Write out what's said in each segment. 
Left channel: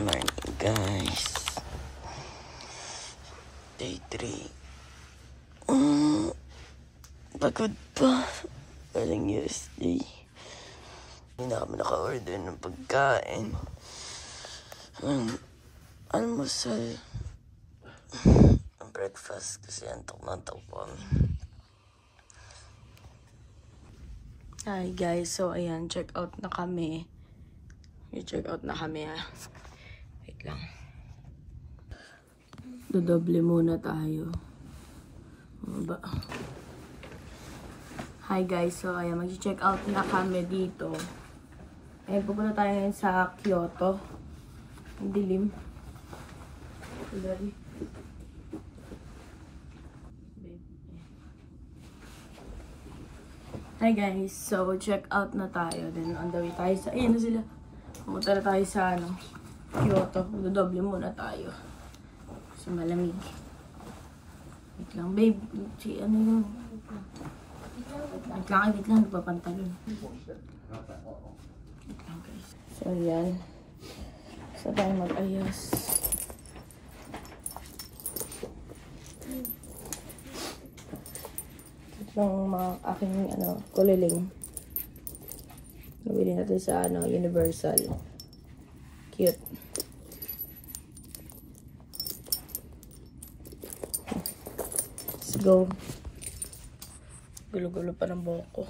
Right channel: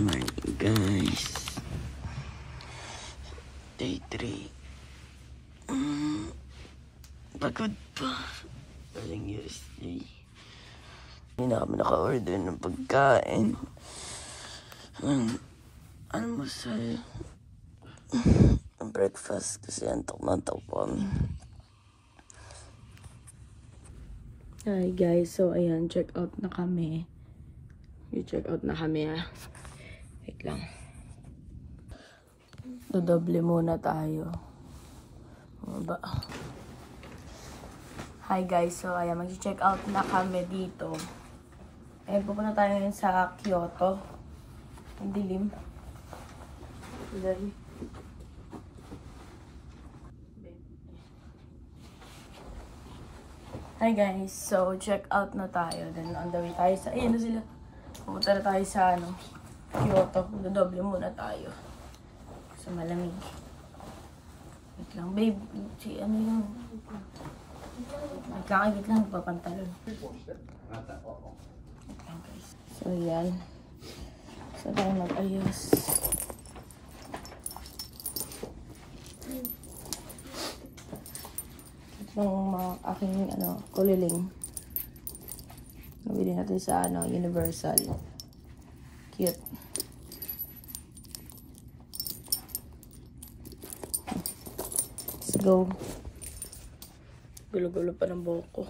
morning, guys. Day 3. Pagod pa. Walang USD. Hindi na kami naka-order ng pagkain. Almusal. Breakfast kasi antok na antok po kami. Hi guys, so ayan, check out na kami. I-check out na kami ha. Wait lang. Dodoble muna tayo. Ba? Hi guys, so ayan, mag-check out na kami dito. Ayan, pupunta tayo ngayon sa Kyoto. Ang dilim. Dali. Hi guys, so check out na tayo. Then on the way tayo sa, ayan na sila. Pumunta na tayo sa Kyoto. Dodoble muna tayo. Sa malamig. Wait lang, babe. Si ano yun? Wait lang, nagpapantalon. Wait lang guys. So yan. So tayo mag-ayos. Itong mga aking kuliling. Nabili natin sa Universal. Cute. Let's go. Gulo-gulo pa ng buhok ko.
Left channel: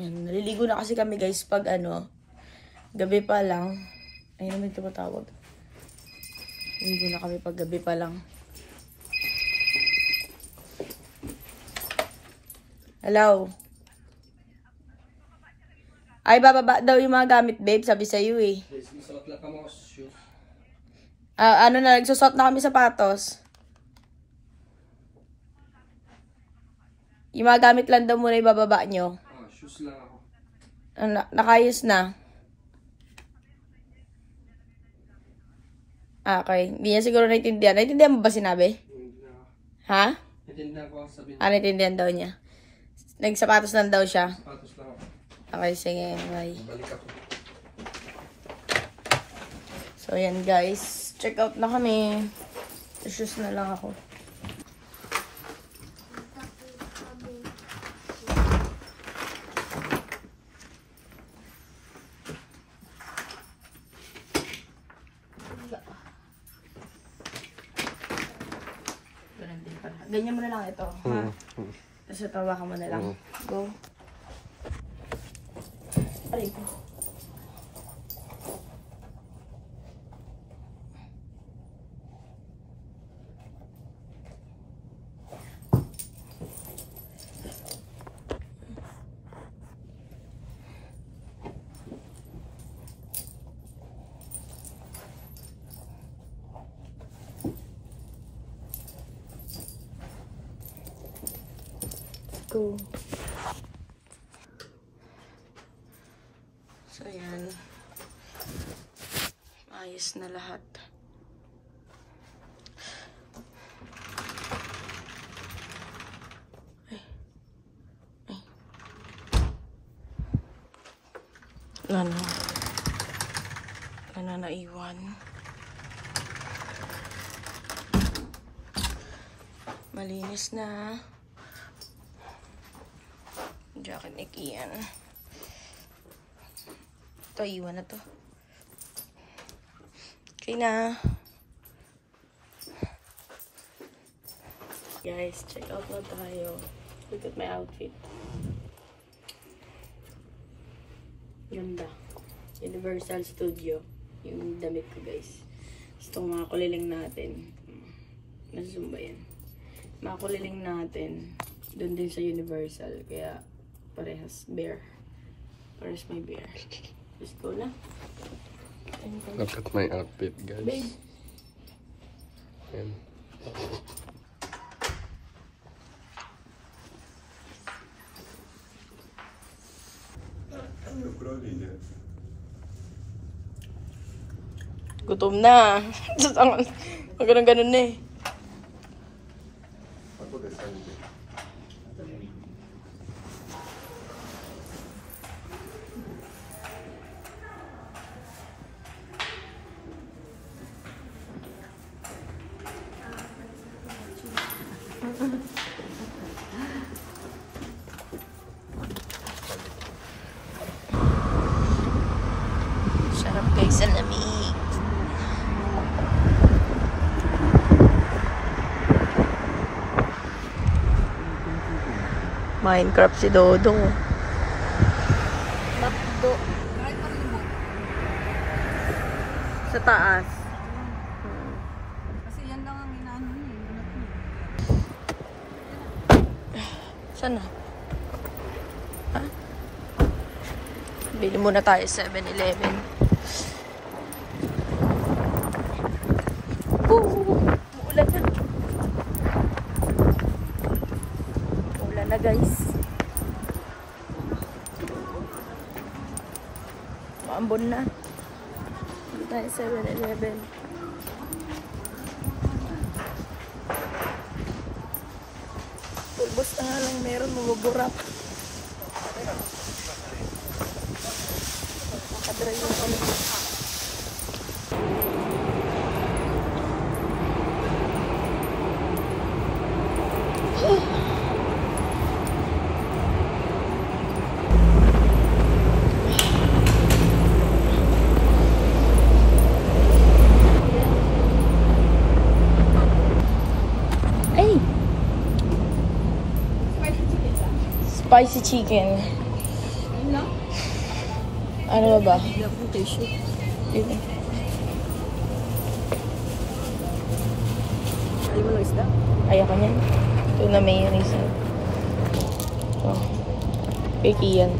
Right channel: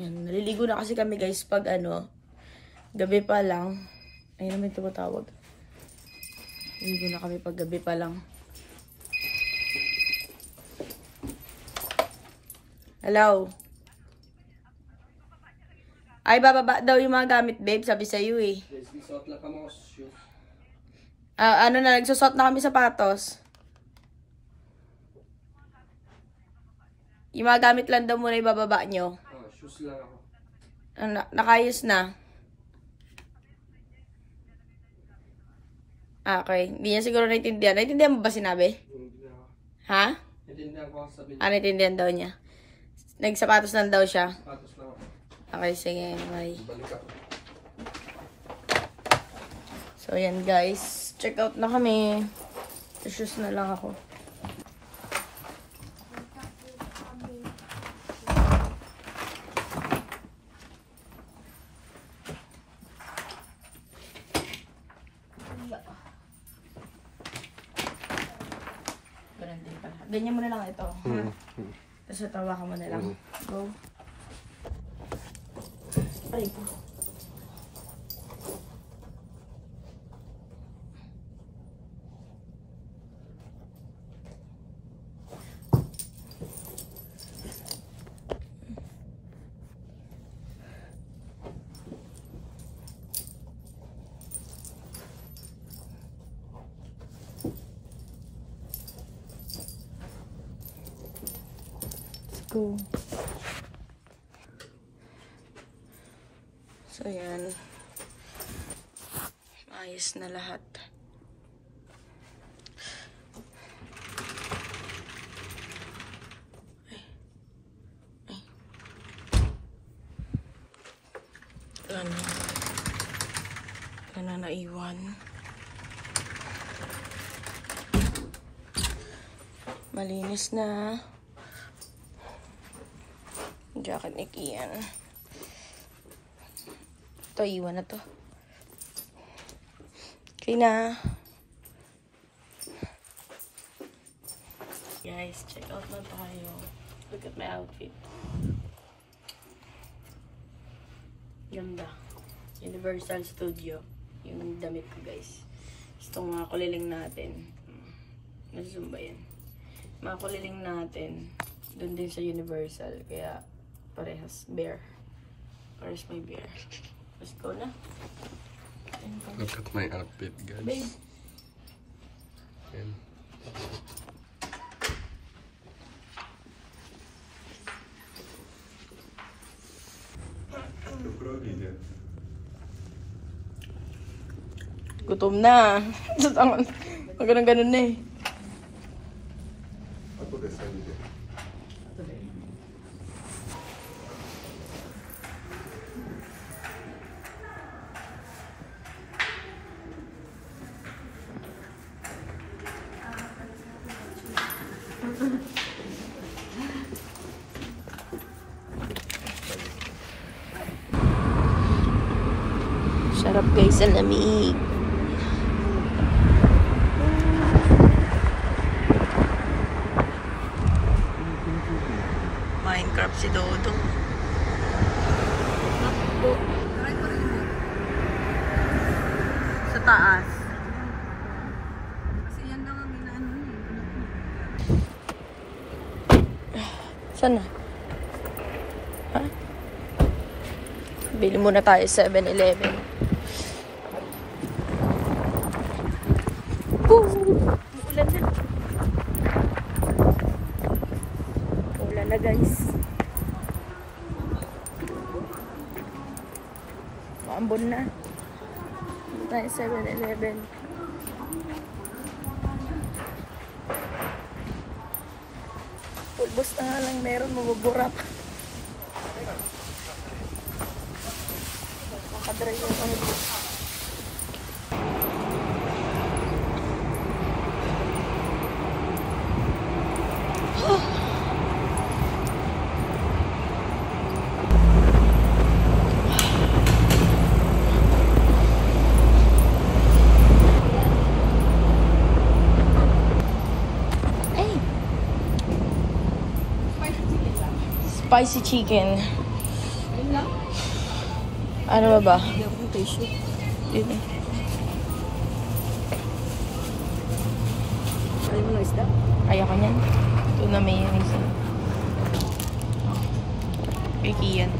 Yan, naliligo na kasi kami guys pag gabi pa lang. Ayun naman ito matawag. Naliligo na kami pag gabi pa lang. Hello? Ay, bababa daw yung mga gamit, babe. Sabi sa'yo eh. Nagsusot na kami sapatos. Yung mga gamit lang daw muna ibababa nyo. Shoes lang ako. Nakayos na. Okay. Hindi niya siguro naintindihan. Naintindihan mo ba sinabi? Ha? Naintindihan ko ang sabihin. Naintindihan daw niya. Nagsapatos lang daw siya. Sapatos lang ako. Okay, sige. Bye. Balik ako. So, yan guys. Check out na kami. Shoes na lang ako. Ganyan mo na lang ito. Ha? Tapos tawa ka mo na lang. Go. Aray ko. Go. So, yan. Ayos na lahat. Wala na. Wala na naiwan. Malinis na. Jacket ni Kian. Ito, iwan na to. Okay na. Guys, check out na tayo. Look at my outfit. Ganda. Universal Studio. Yung damit ko, guys. Itong mga kuliling natin. Nasa ba yan? Mga kuliling natin. Doon din sa Universal. Kaya, parehas bear. Parehas may bear. Let's go na. Look at my outfit, guys. Babe. And Gutom na. Magandang ganun na eh. Sarap guys, ang lamig. Minecraft si Dodong. Sa taas. Kasi yan lang ang inaano niya. Saan na? Ha? Bili muna tayo sa 7-Eleven. Uulan na. Uulan na guys. Maambon na. Bili tayo sa 7-Eleven. Pulbos na nga lang meron, mabubura pa. Makadry yung ano dito. Spicy chicken. Ano ba? Hindi ako tissue. Yun. Ayoko niyan. Ito na mayonnaise. Oh. Picky yan.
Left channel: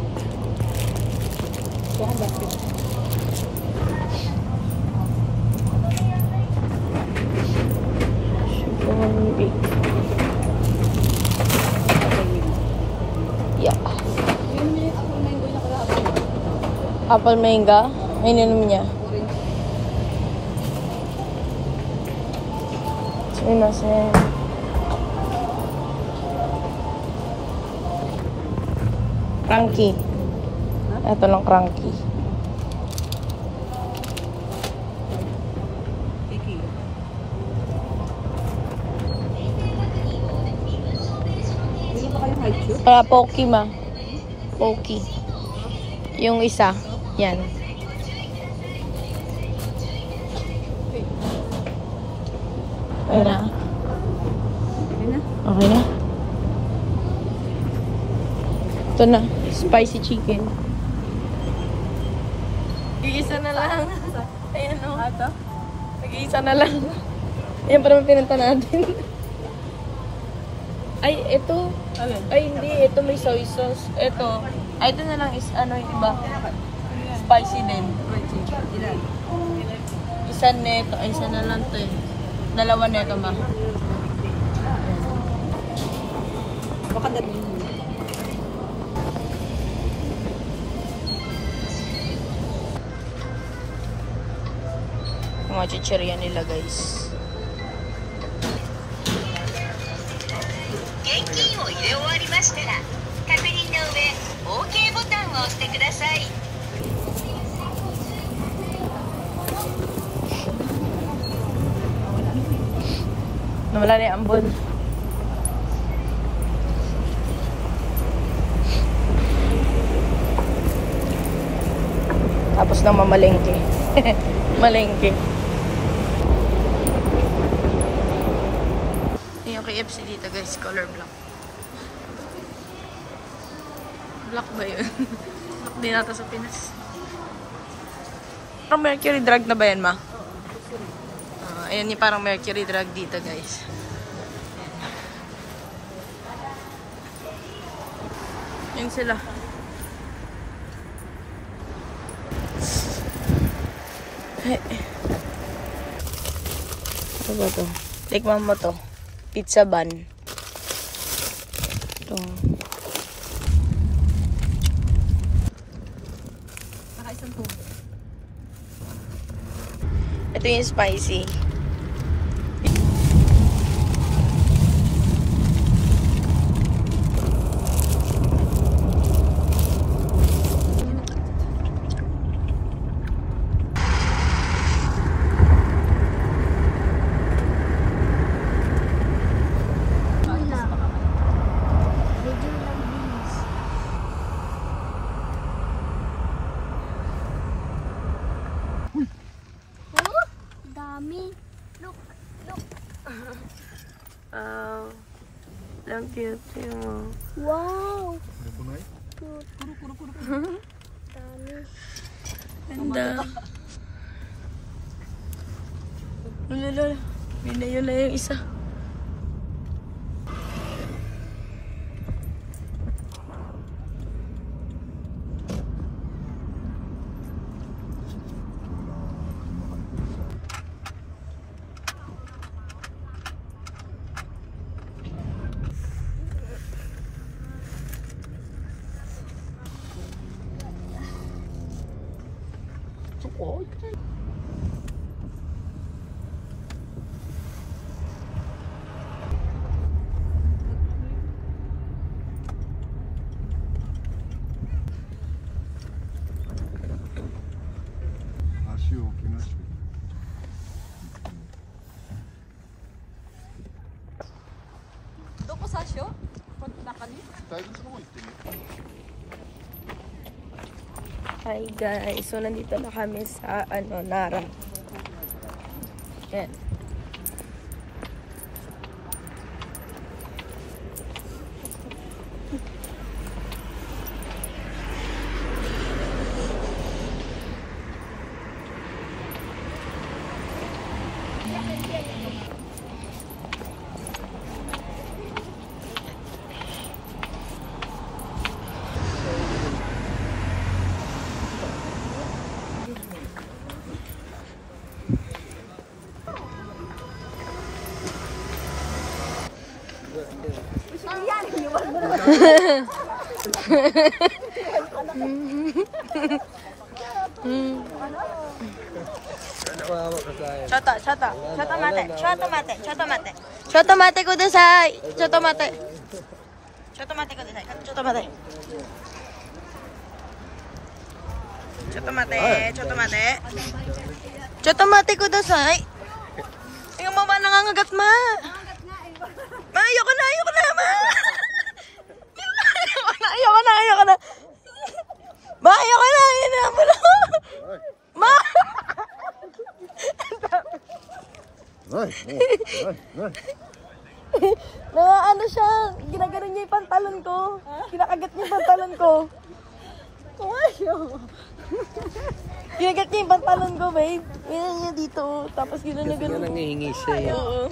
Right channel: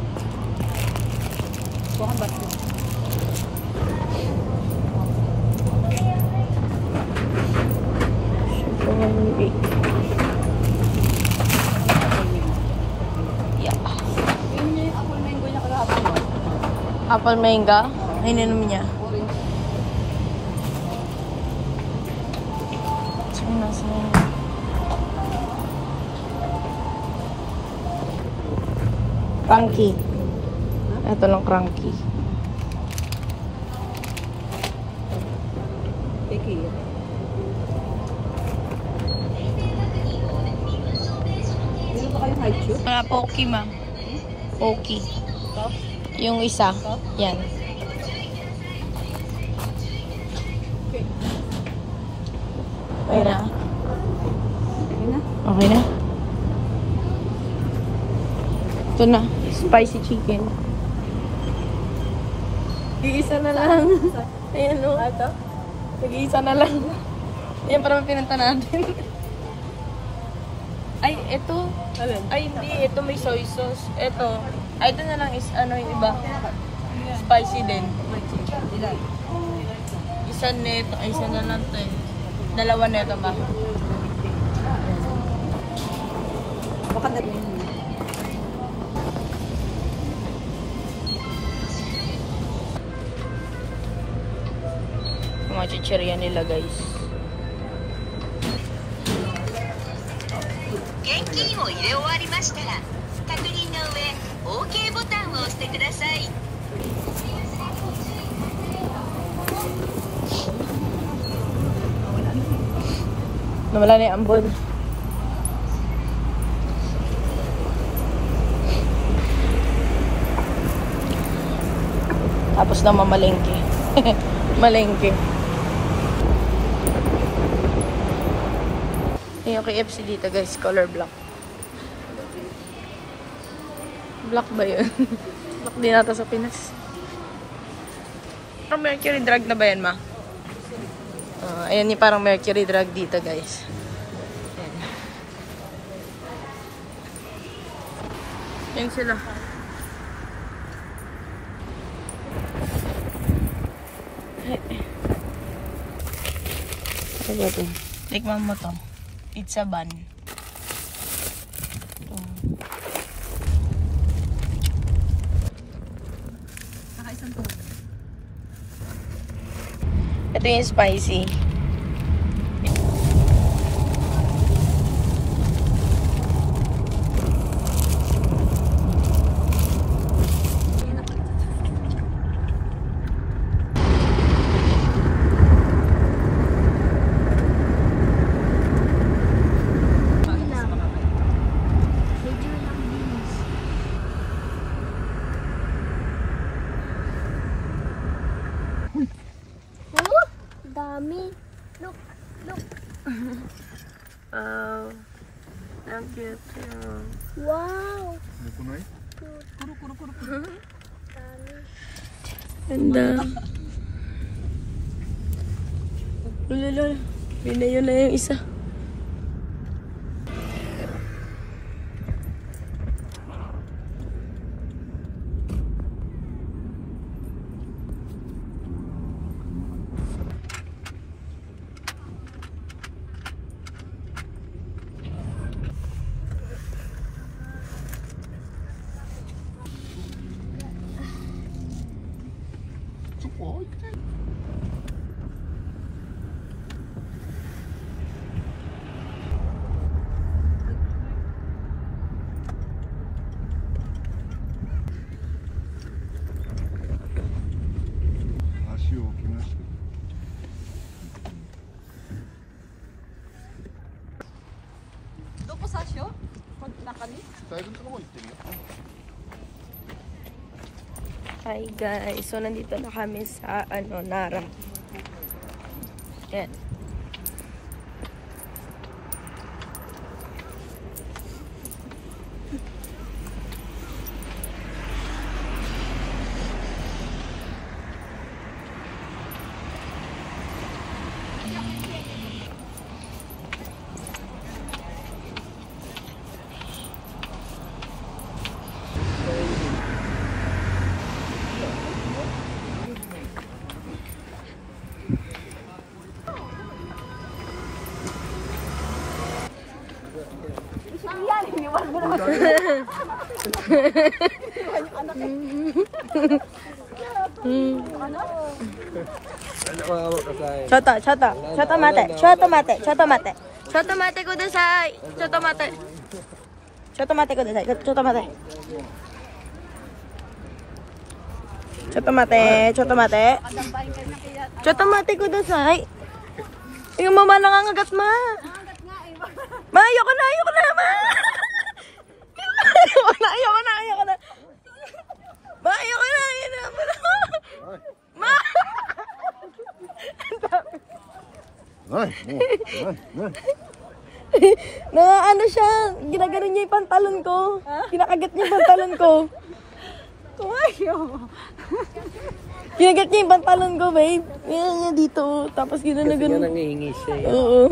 Apple mango. Ay, ninom niya. Sumimasen. Cranky. Ito lang cranky. Kaya Pocky ma. Pocky. Yung isa. Yan. Okay na. Okay na. Ito na. Spicy chicken. Nag-iisa na lang. Ayan o. Nag-iisa na lang. Ayan para pinunta natin. Ay, ito. Ay, hindi. Ito may soy sauce. Ito. Ay, ito na lang is ano yung iba. Spicy din. Isa neto. Ay, isa na lang to eh. Dalawa neto ba? Baka dali. Mga chichirya nila guys. 現金を入れ終わりましたら確認の上 OK ボタンを押してください。 Nawala na yung ambon. Tapos na mamalengke. Malengke. Yung KFC dito guys, color black. Black ba yun? Black din nata sa Pinas. Parang mercury drug na ba yan ma? Ayan yung parang mercury drug dito guys. Ayan. Ayan sila. Ano ba ito? Tikman mo to. Pizza bun. Ito. Nakaisan po. Ito yung spicy. Mommy, look. Ang cute. Wow. Ganda. Lululul. Binayo na yung isa. Doon po sa show? Nakani? Hi guys, so nandito na kami sa Nara. Yan. Chotomate kudasai. Chotomate kudasai. Chotomate kudasai. Yung mama nangangagat, ma. Ma, ayoko na, ma. Ayoko na. Ma, ayoko na. Yan na, ma. Na ano siya, ginagano niya yung pantalon ko. Kinakagat niya yung pantalon ko. Kinagat niya yung pantalon ko, babe. Yan niya dito. Tapos ginagano. Kasi nga nangihingi siya. Oo.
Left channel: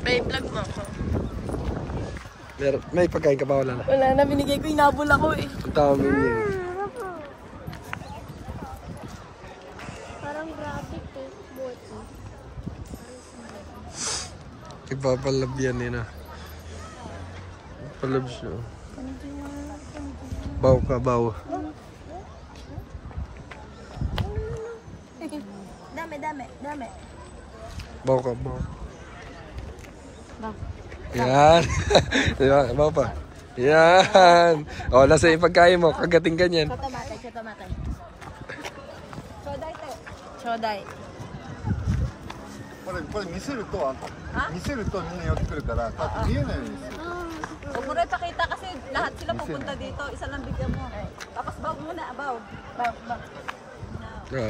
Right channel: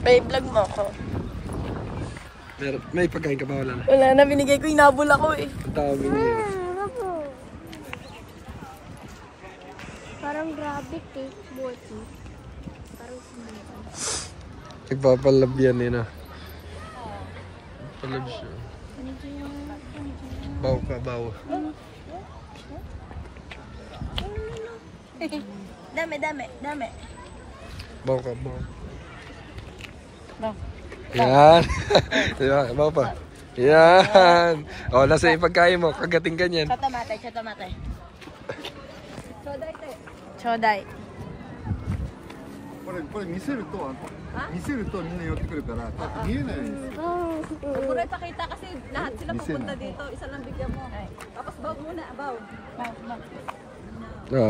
Babe, vlog mo ako. May pagkain ka ba? Wala na. Wala na, binigay ko, inabol ako eh. Ang tawag mo yun. Parang rabbit eh. Boto. Nagpapalab yan eh na. Palab siya. Baw ka, baw. Dami. Baw ka, baw. Yan. Yan, baw pa. Yan. O, nasa yung pagkain mo. Kagating ganyan. Chotomate. Choday. これ見せるとみんな寄ってくるからこうやって見えないようにする Huwag mo na ipakita kasi lahat sila pupunta dito. Isa lang bigyan mo. Tapos baw muna, baw.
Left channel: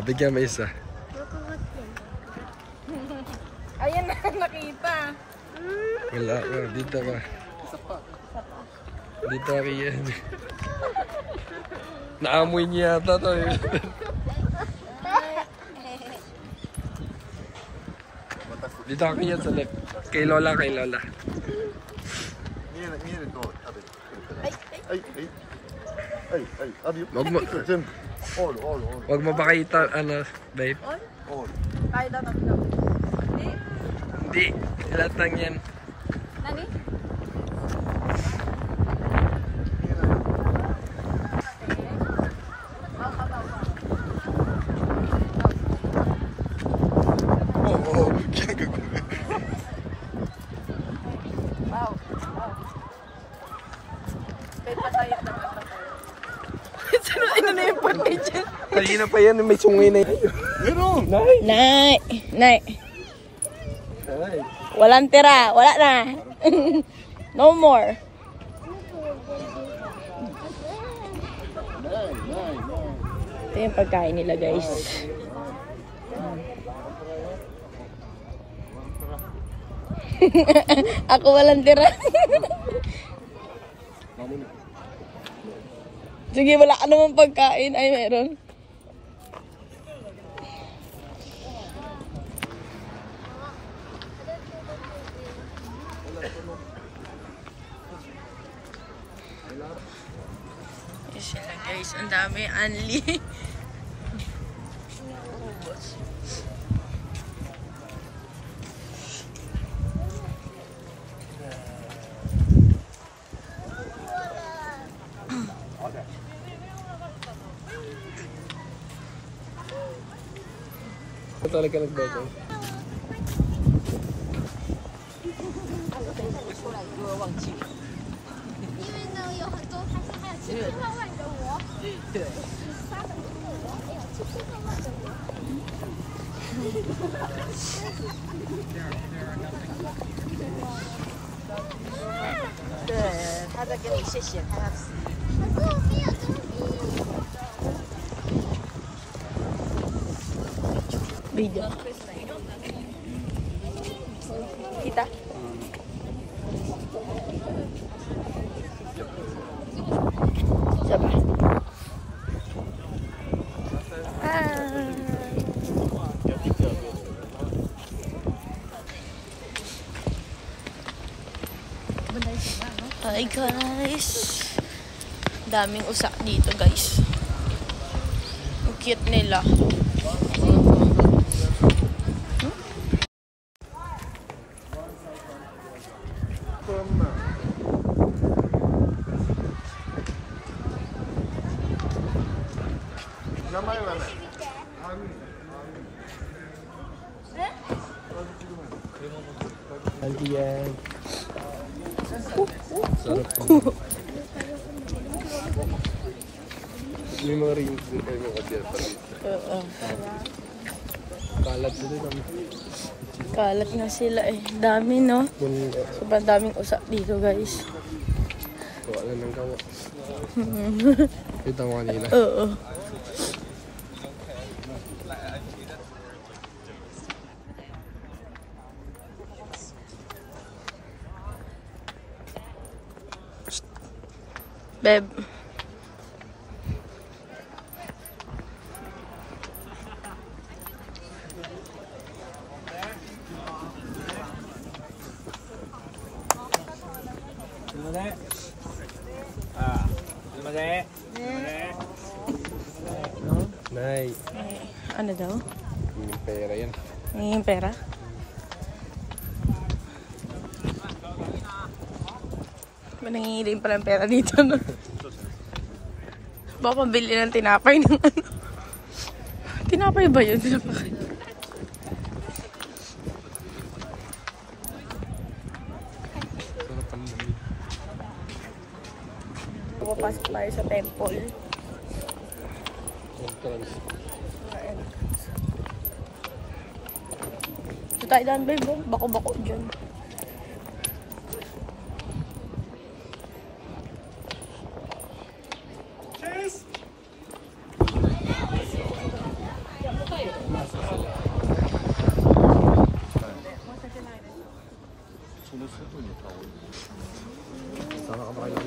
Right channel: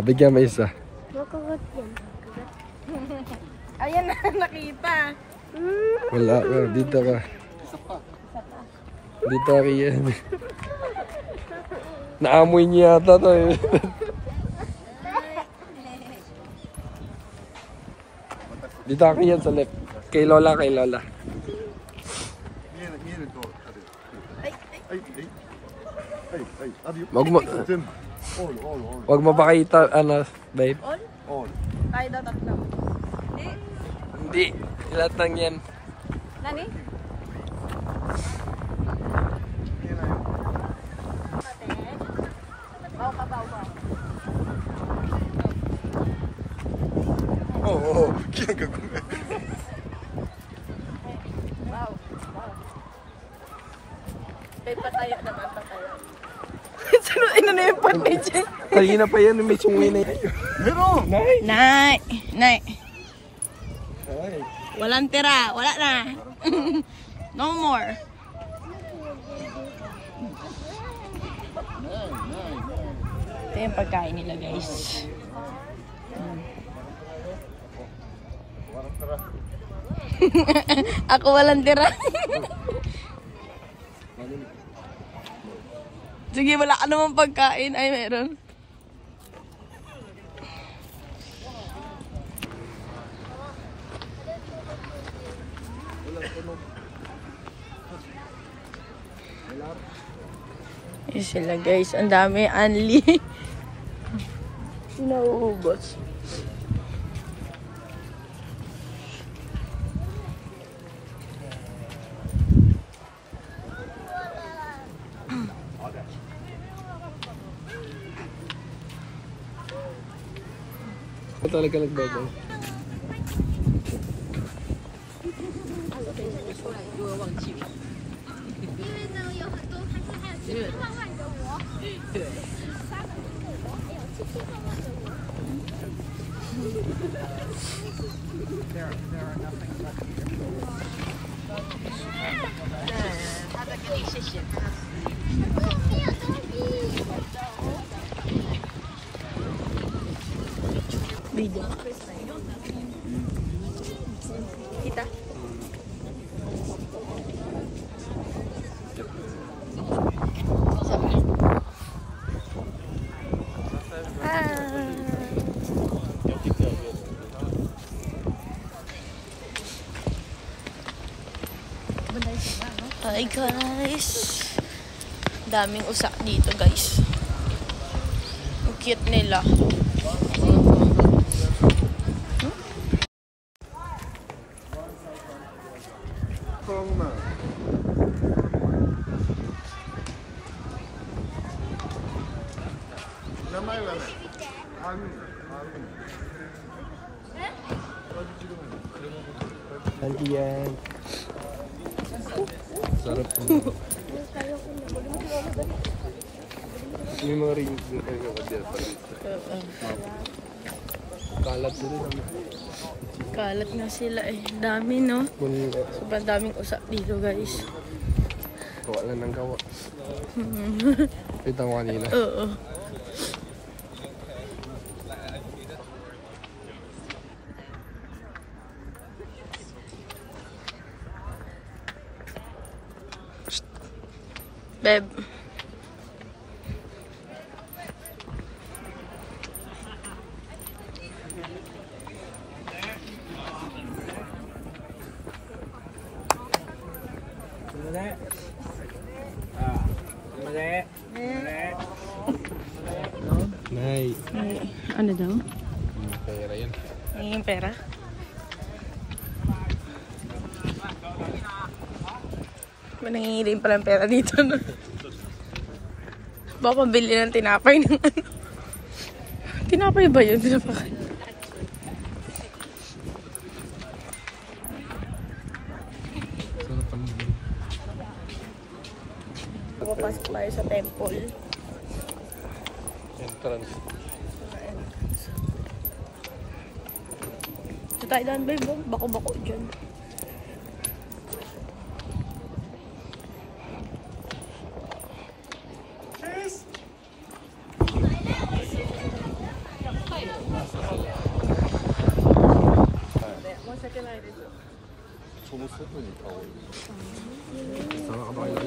Bigyan mo isa. Makagat yan. Ayan na, nakita. Wala. Dito ka. isa pa Dito ka yan. Naamoy niya yata to eh. Dito ka yan sa left. Kay Lola. 見えるとあるはいあるよ Wag mo, 全部オール wag mo pakita, babe. オール Tayo daw tatlo. Hindi. Lahat ng yan. Nani? May patayo. Ano na yung patay dyan? Kanina pa yan, may sungay na yun. Meron! Nay. Walang tira. Wala na. No more. Ito yung pagkain nila, guys. Ako walang tira. Sige, wala ka naman pagkain. Ay, meron. Yun sila guys. Ang dami. Anli. Sinauubos. Talaga nagbabay. Video. Kita. Siapa? Hi guys. Daming usak dito guys. Ang cute nila. Andiyan. Sarap po. Yung mga rin ay mga kadya pa rin. Kalat din naman. Kalat nga sila eh. Dami no? Sobrang daming usak dito guys. Gawa nga ng gawa. Kita ko kanina. Oo. Beb. Nay. Ano daw? Yung pera yan. Yung pera? Nangingilim pala ang pera dito. No? Baka pambili ng tinapay ng ano. Tinapay ba yun? Tinapay. Papasok tayo sa temple. Entrance. Ito tayo daan, babe. Bako-bako dyan. Sana ka ba kayo?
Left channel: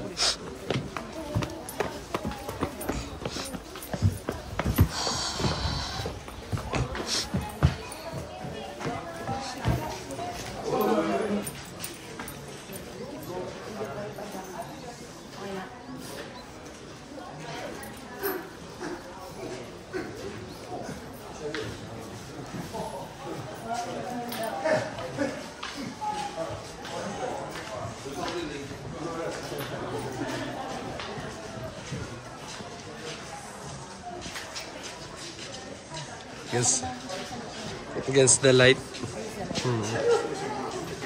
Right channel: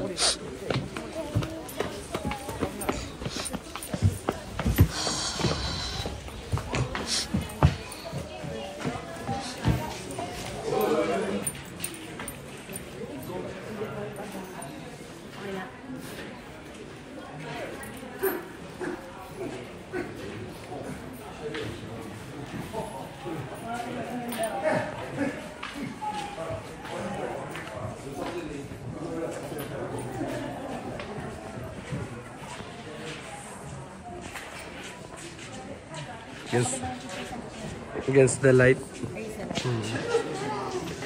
Against the light.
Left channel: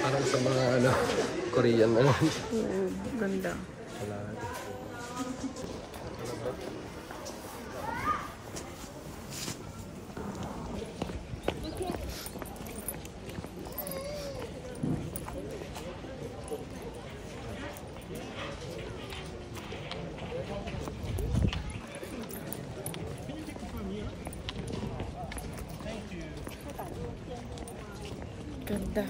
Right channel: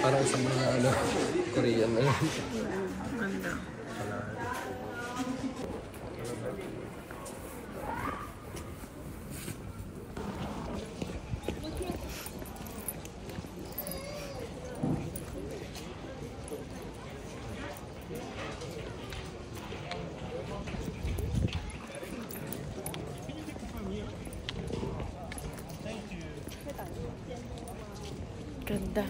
Parang sa mga ano, Korean na. Ganda. Ganda.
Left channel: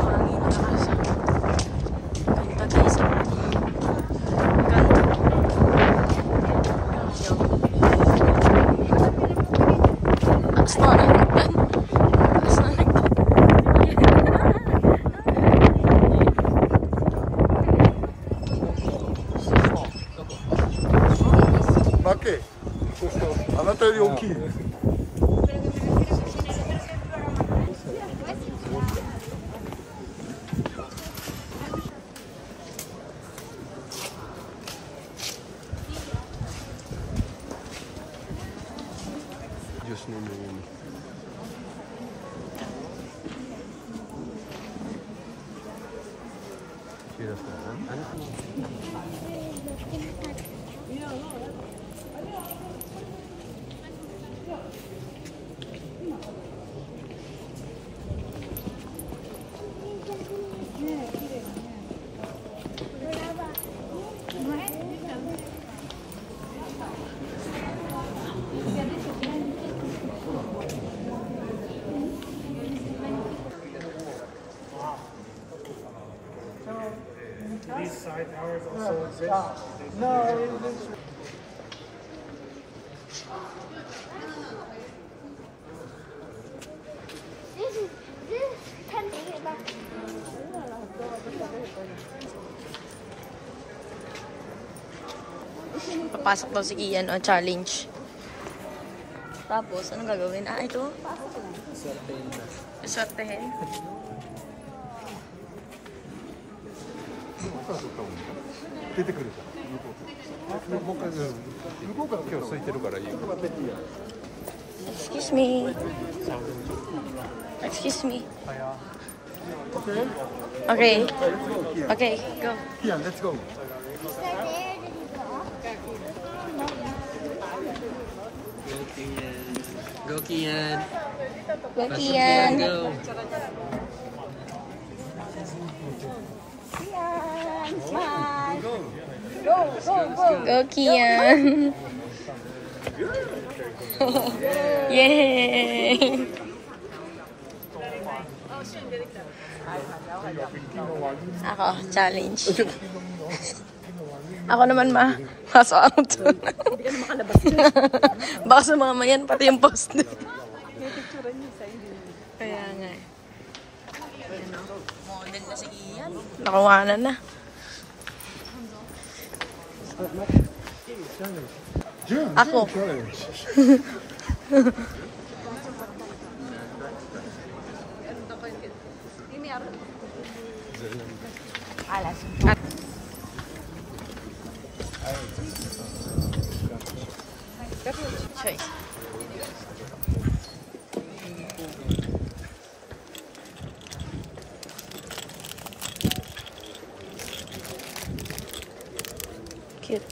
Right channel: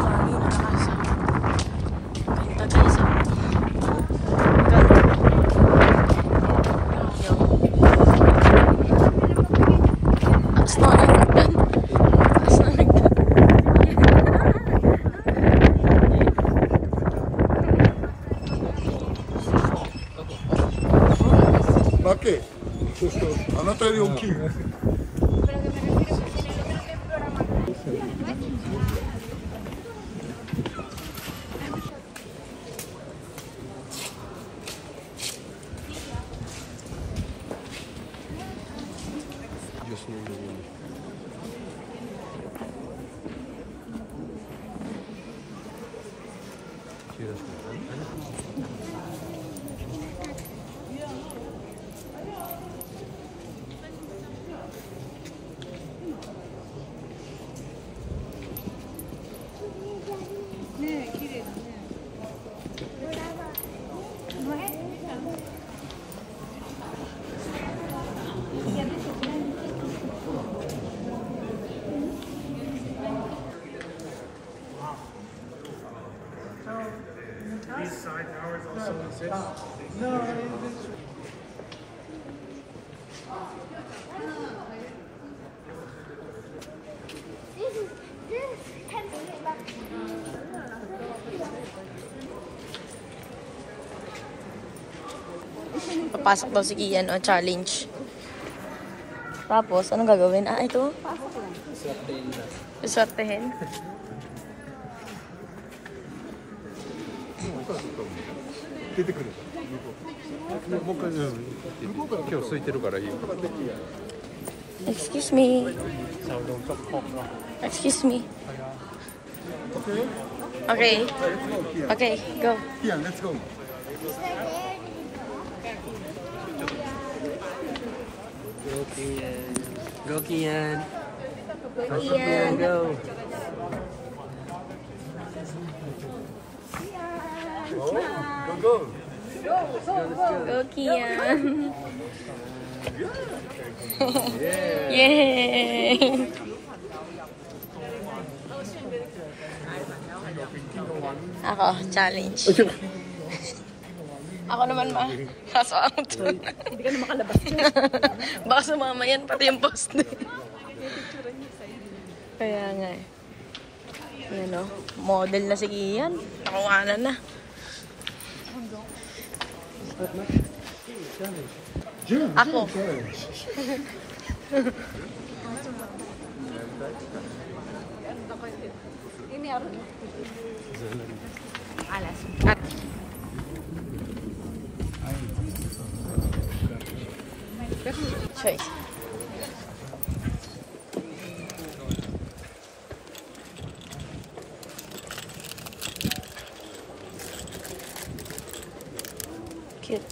Hangin, lakas. Ganda guys. Lucky. あなたより大きい。Papasok daw si Ian o challenge. Tapos, anong gagawin? Ah, ito? Susortehin. Excuse me. Excuse me. Okay. Okay, go. Ian, let's go. Go, Kian. Go, Ian. Go. Go, Kian. Yay! Ako, challenge. Ako naman kaso out. Hindi ka na makalabas yun. Baka sumama yan, pati yung post. Kaya nga eh. Ano, model na si Ian. Nakawanan na. Ako. At choice. Cute.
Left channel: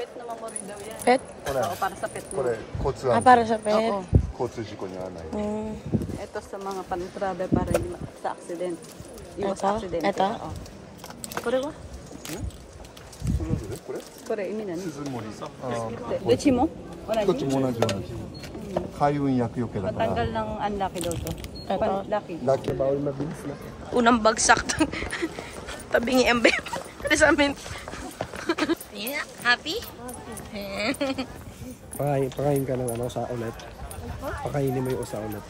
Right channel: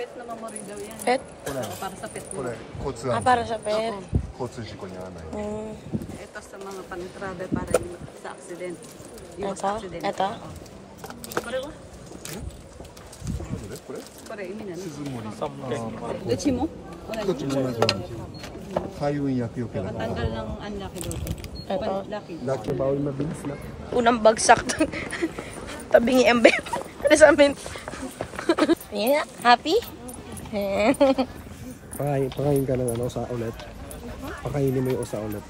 Pet naman mo daw yan. Pet? Oo, para sa pet mo. これ交通 Ah, 安 para sa pet. 交通事故に遭わない。 Mm. Ito sa mga pan-travel para sa accident. Yung Ito? sa accident. Ito? Oo. Kore ko? これ？ Kore, imi na. 鈴森さん。で、ちもどっちも同じように。開運厄除けだから。 Matanggal ng unlucky daw to. Ito. Lucky. ラッキーバウルmabilis na. Unang bagsak. Tabingi ang bed. Ano sa amin? Yeah, happy? Pakain ka ng usa ulit. Pakainin mo yung usa ulit.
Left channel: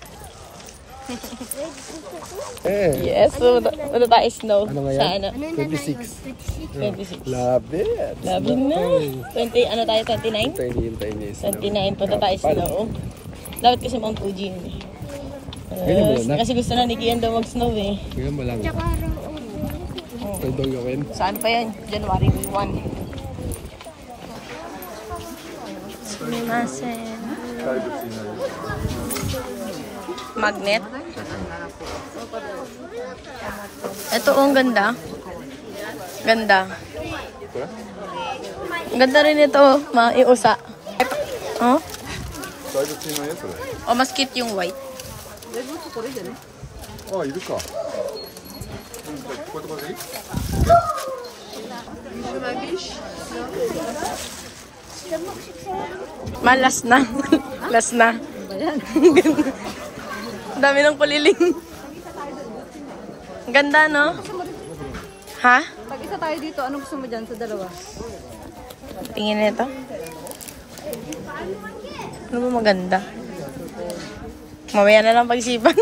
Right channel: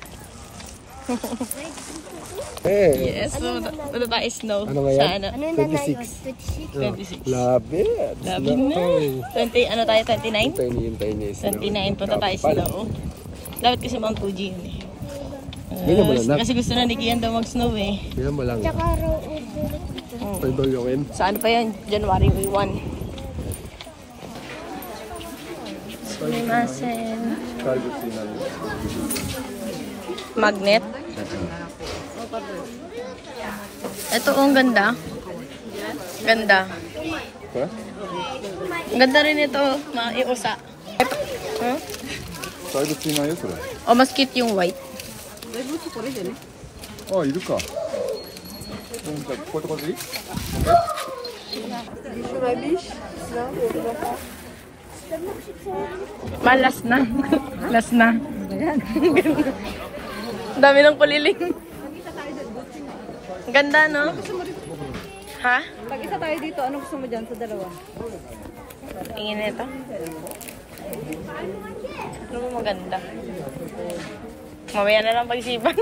Yes, so ano tayo snow? Ano ba yan? Sa ano? 26. 26. Love it. Labi na. 20, ano tayo? 29? Hintayin 29, punta tayo snow. Dapat kasi Mount Fuji yun eh. Tingnan mo lang. Kasi gusto na ni Kian daw mag-snow eh. Tingnan mo lang. Tsaka raw Pagbagokin. Saan pa yan? January 1. Sumimasen. 大仏になるよ。 Magnet. Ito, ang ganda. Ganda. これ？ Ang ganda rin ito, mga iusa. Oh? 大仏いないよそれ。 O, mas cute yung white. だいぶこれじゃね。あ、いるか。こういうところでいい？ Malas na. Last na. Ang dami ng puliling. Ang ganda, no? Ha? Pag isa tayo dito, ano gusto mo dyan sa dalawa? Tingin nito. Ano ba maganda? Mamaya na lang pag-isipan.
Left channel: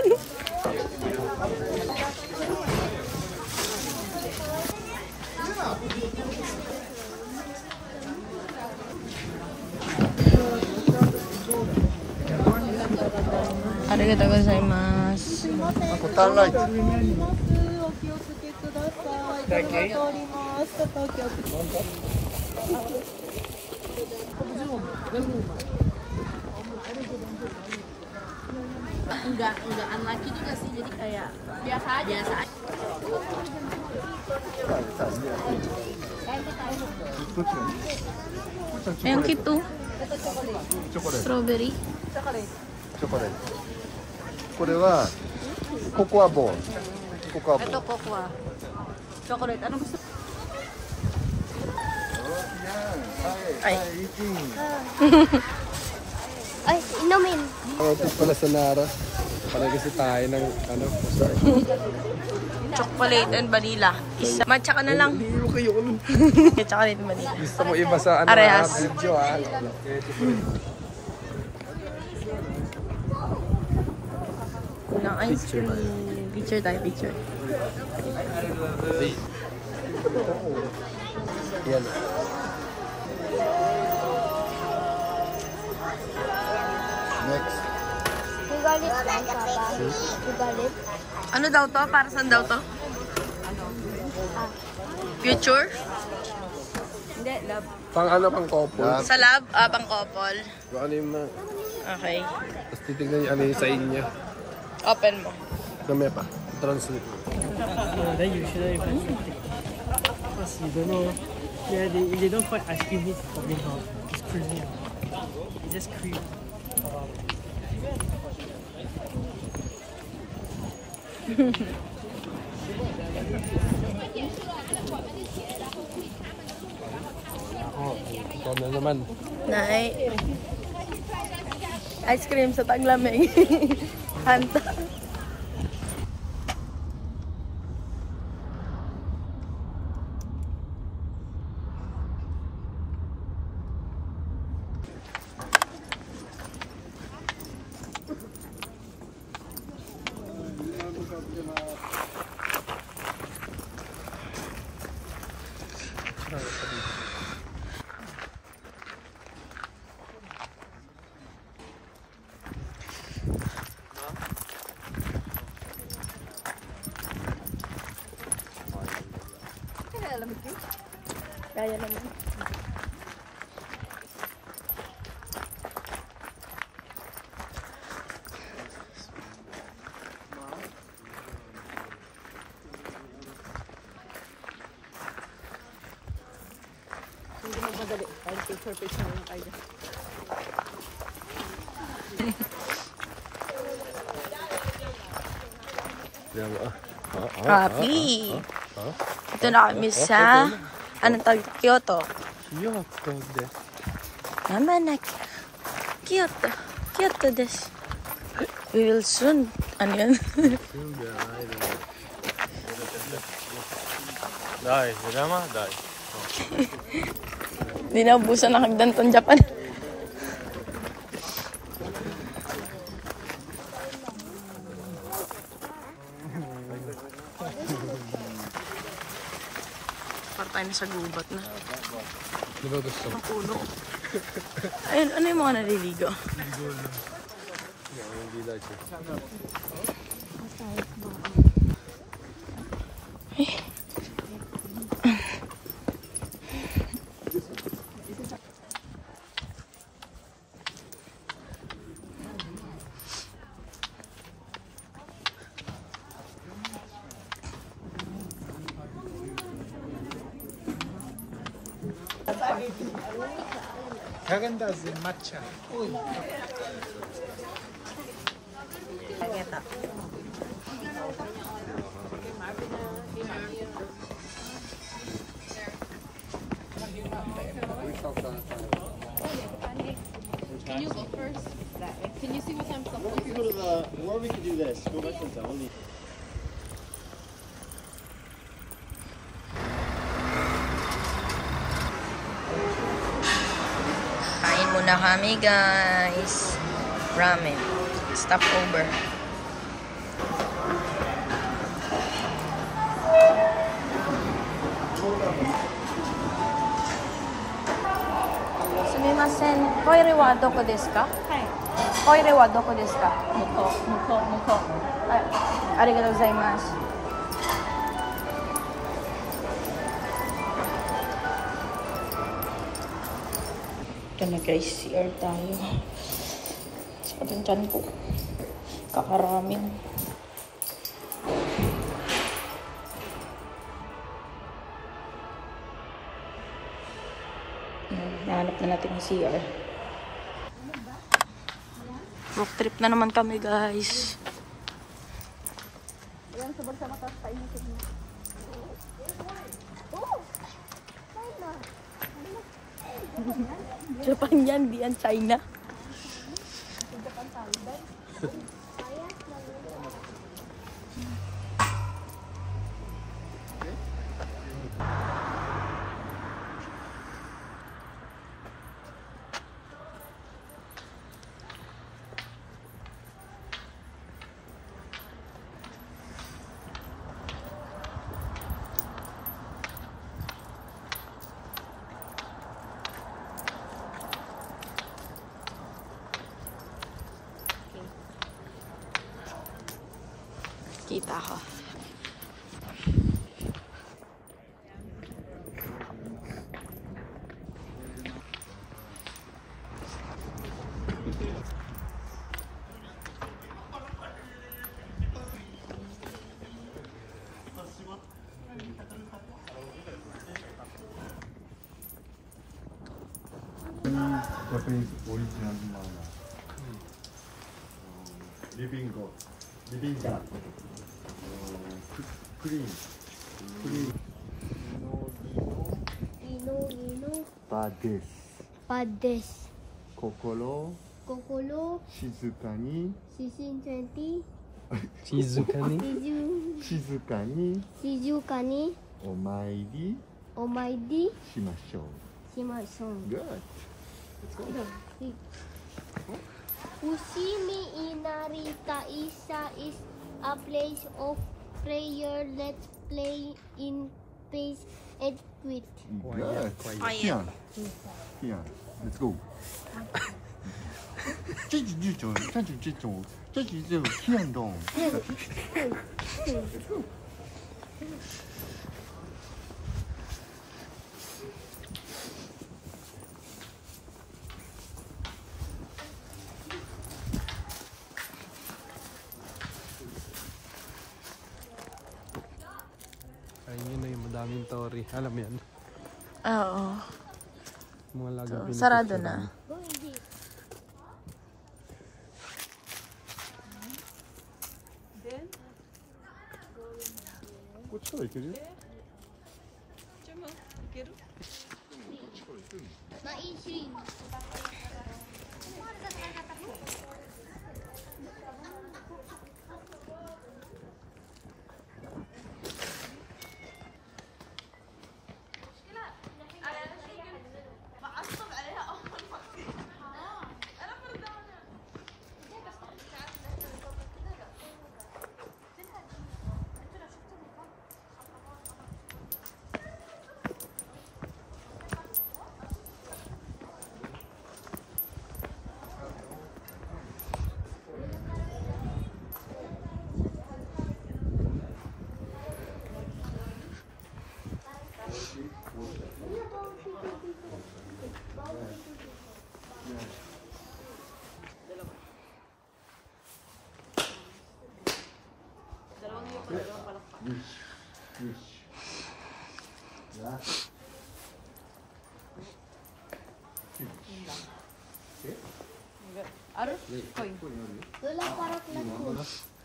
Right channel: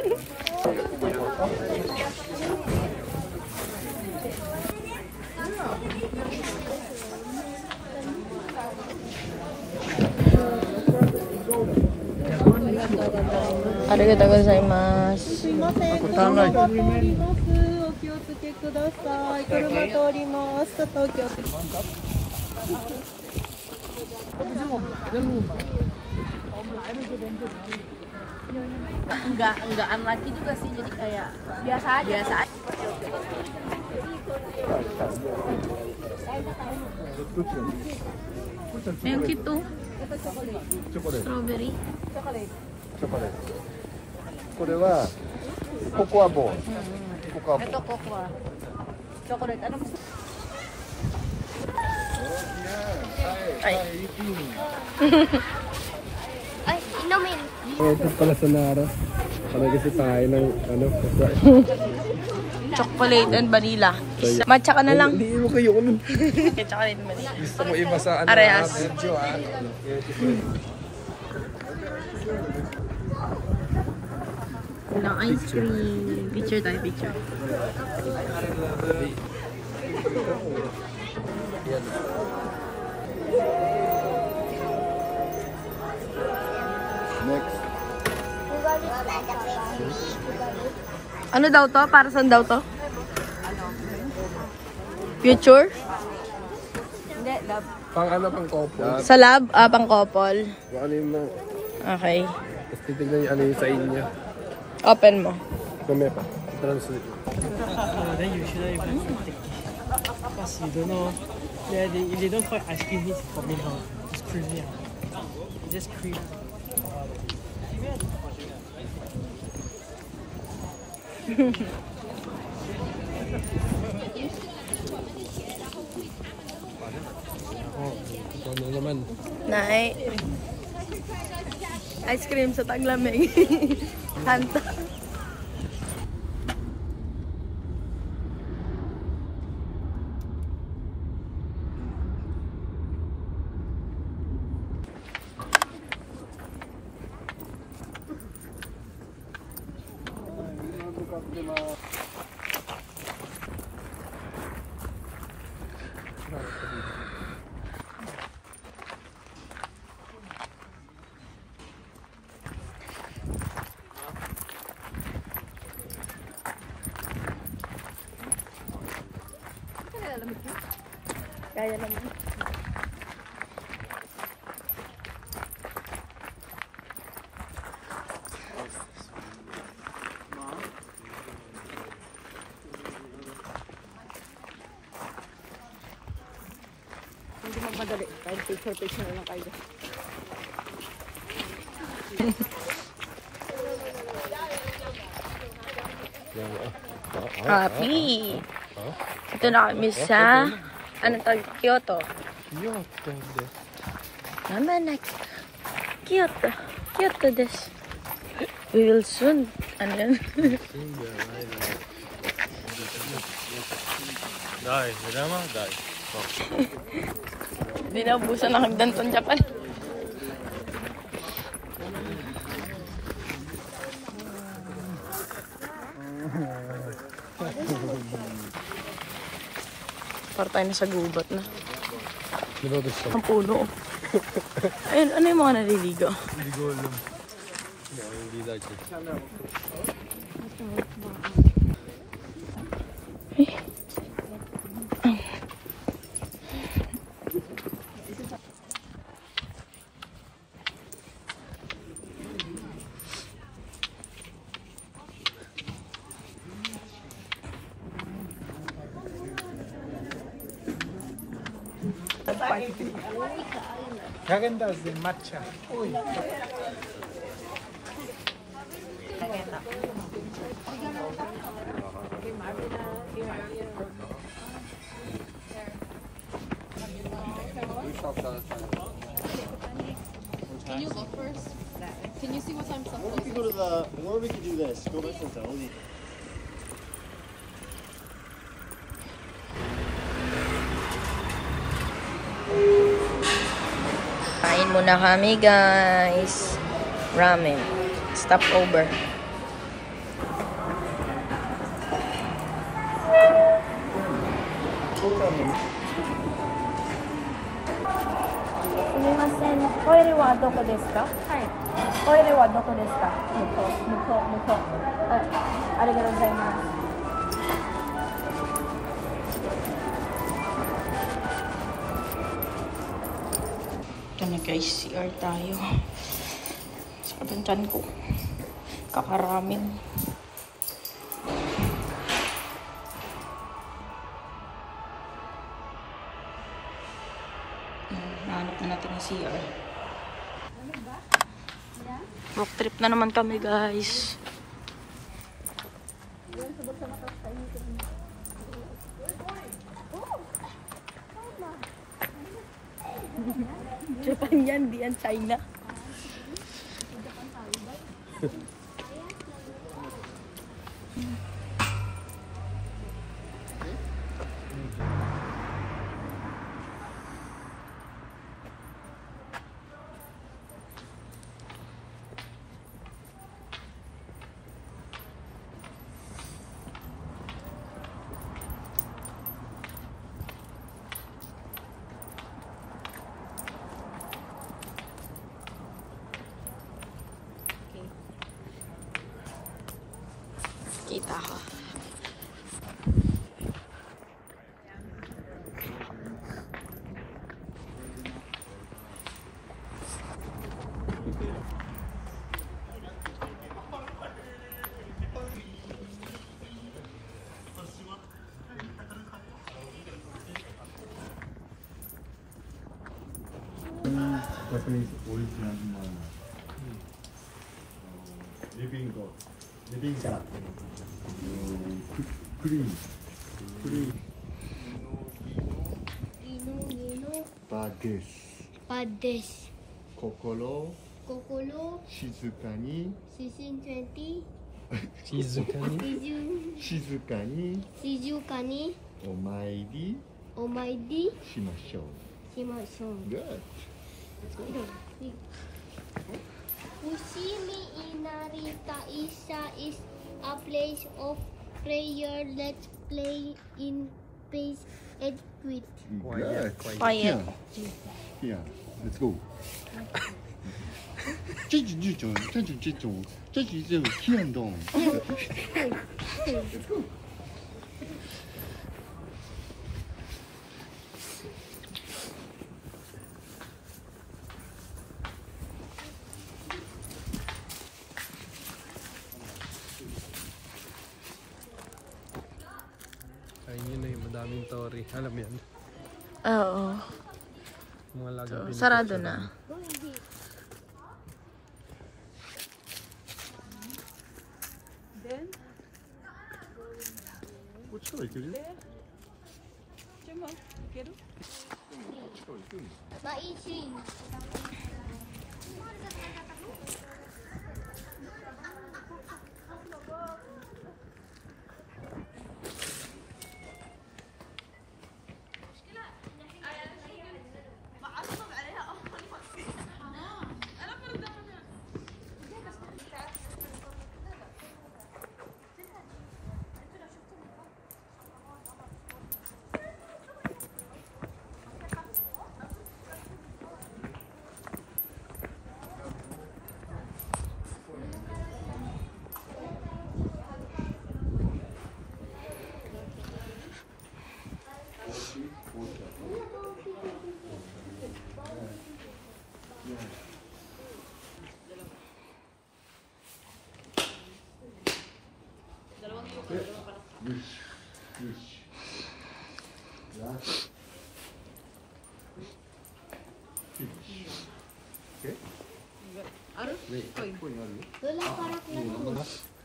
Arigatou gozaimasu. Enggak unlucky juga sih, jadi kayak biasa aja. Ayun, cute too. Strawberry. これはココアボーン。ココアボーン。 Ito cocoa. Chocolate, ano gusto? Ay. Ay, inumin. Ito para sa Nara. Kasi tayo ng ano. Chocolate and vanilla. Matcha ka na lang. Hindi mo kayo nun. Chocolate and vanilla. Gusto mo iba sa ano? Arehas. Sergio, Walang ice cream. Picture tayo, picture. Next. Ano daw to? Para saan daw to? Future? Hindi, love. Pang ano pang couple. Sa lab? Pang couple. Baka ano yung Okay. tapos titignan yung ano yung sign niya. Open mo. Kame pa. Translate. Then you shouldn't even take it. Because you don't know. Yeah, if they don't find ice cream, it's probably not. It's creamy. It's just cream. Ikaw na naman. Nay. Ice cream sa taglamig. Hanta. Kaya naman. Hindi magmadali. Kahit picture na lang kayo. Happy! Ito na kami sa anong tawag? Kyoto. Kyoto de. Mama na Kyoto. Kyoto desu. We will soon. Ano yan? Dai, drama, dai. Di na ubusan ng hagdan tong Japan. Para tayo na sa gubat na. Di ba gusto? Ang puno. Ayun, ano yung mga naliligo? Hindi ko alam. Hindi like it. Can you go first? Can you see what time supposed We could go to the, or we could do this. Go back to the only. Kain muna kami, guys. Ramen. Stopover. Sumimasen. Koire wa doko desu ka? Koire wa doko desu ka? Muko. Arigatou gozaimasu. Ito na guys, CR tayo. Sakit ang ko. Kakaraming. Nahanap na natin yung CR. Walk trip na naman kami guys. Japan yan, di yan China. Kita ko. Japanese original livingクリーンパです心静かにお参りしましょう。Good. Usimi Inarita Isa is a place of prayer. Let's play in peace and quit. Good. Quiet. Here, let's go. 这种天动。Ayun na yung madaming tori. Alam mo yan? Oo. So, sarado na.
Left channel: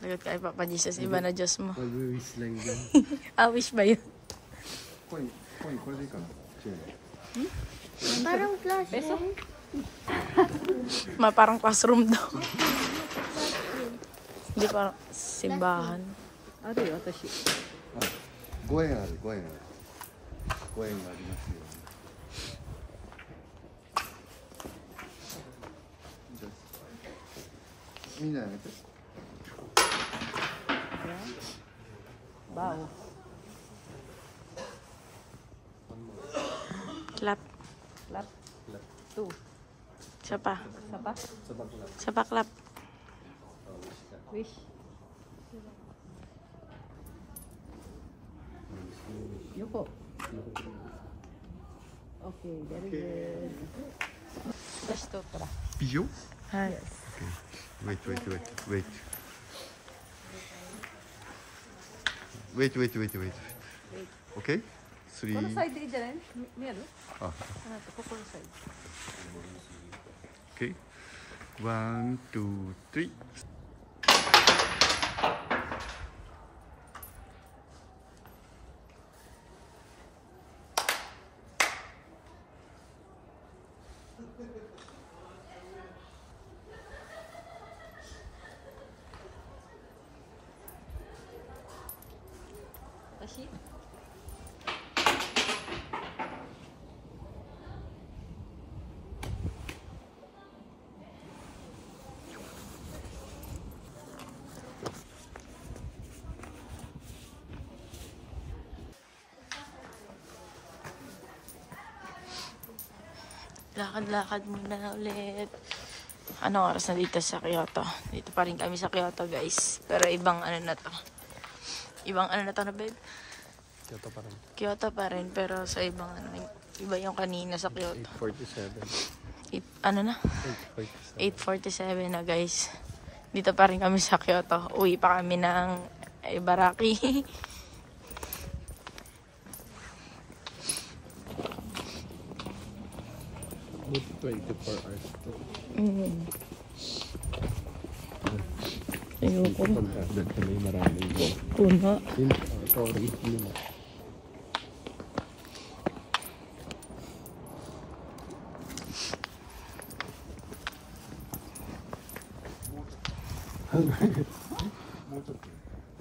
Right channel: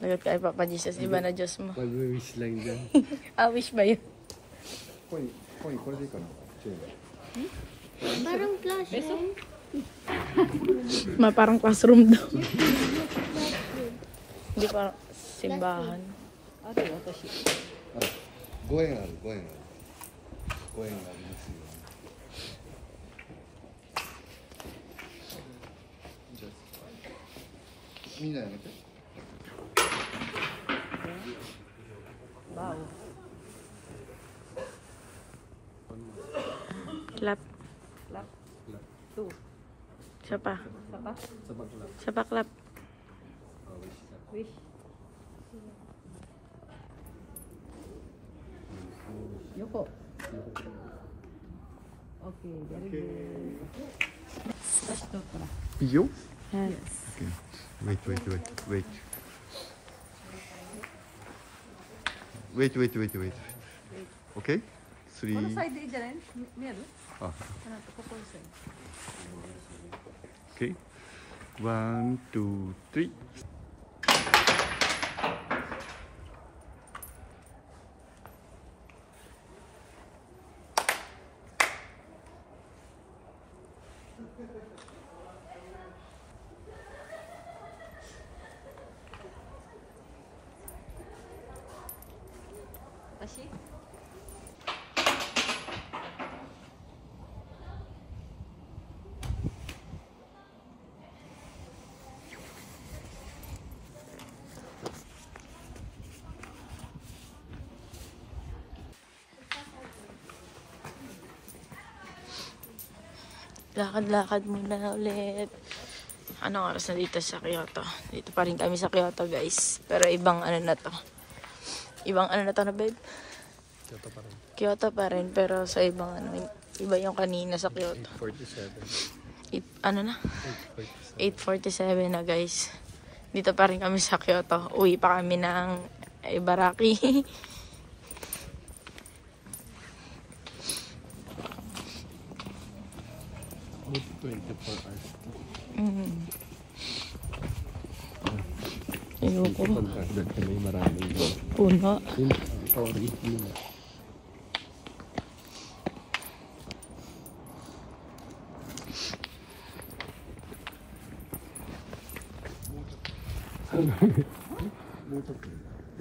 Lagot kay Papa Jesus, iba na Diyos mo. Pag-wish lang dyan. Wish ba yun? Coin, これでいいかな。Parang classroom. Parang classroom daw. Hindi parang simbahan. 5円ある、5円ある。5円ありますよ。みんなやめて。Clap. Isa pa. Isa pa clap. Wish. Yoko. Okay, very good. Let's go. 以上 Yes. Okay. Wait. Okay? 3. Side din dyan. Ah. Okay. 1, 2, 3. Tashi. Lakad-lakad muna ulit. Ano oras na dito sa Kyoto? Dito pa rin kami sa Kyoto, guys. Pero ibang ano na to. Ibang ano na to na, babe? Kyoto pa rin. Pero sa ibang ano. Iba yung kanina sa Kyoto. 8:47. Ano na? 8:47 na, guys. Dito pa rin kami sa Kyoto. Uwi pa kami ng Ibaraki. 24 hours. Ayoko. Doon kami maraming Puno. sorry.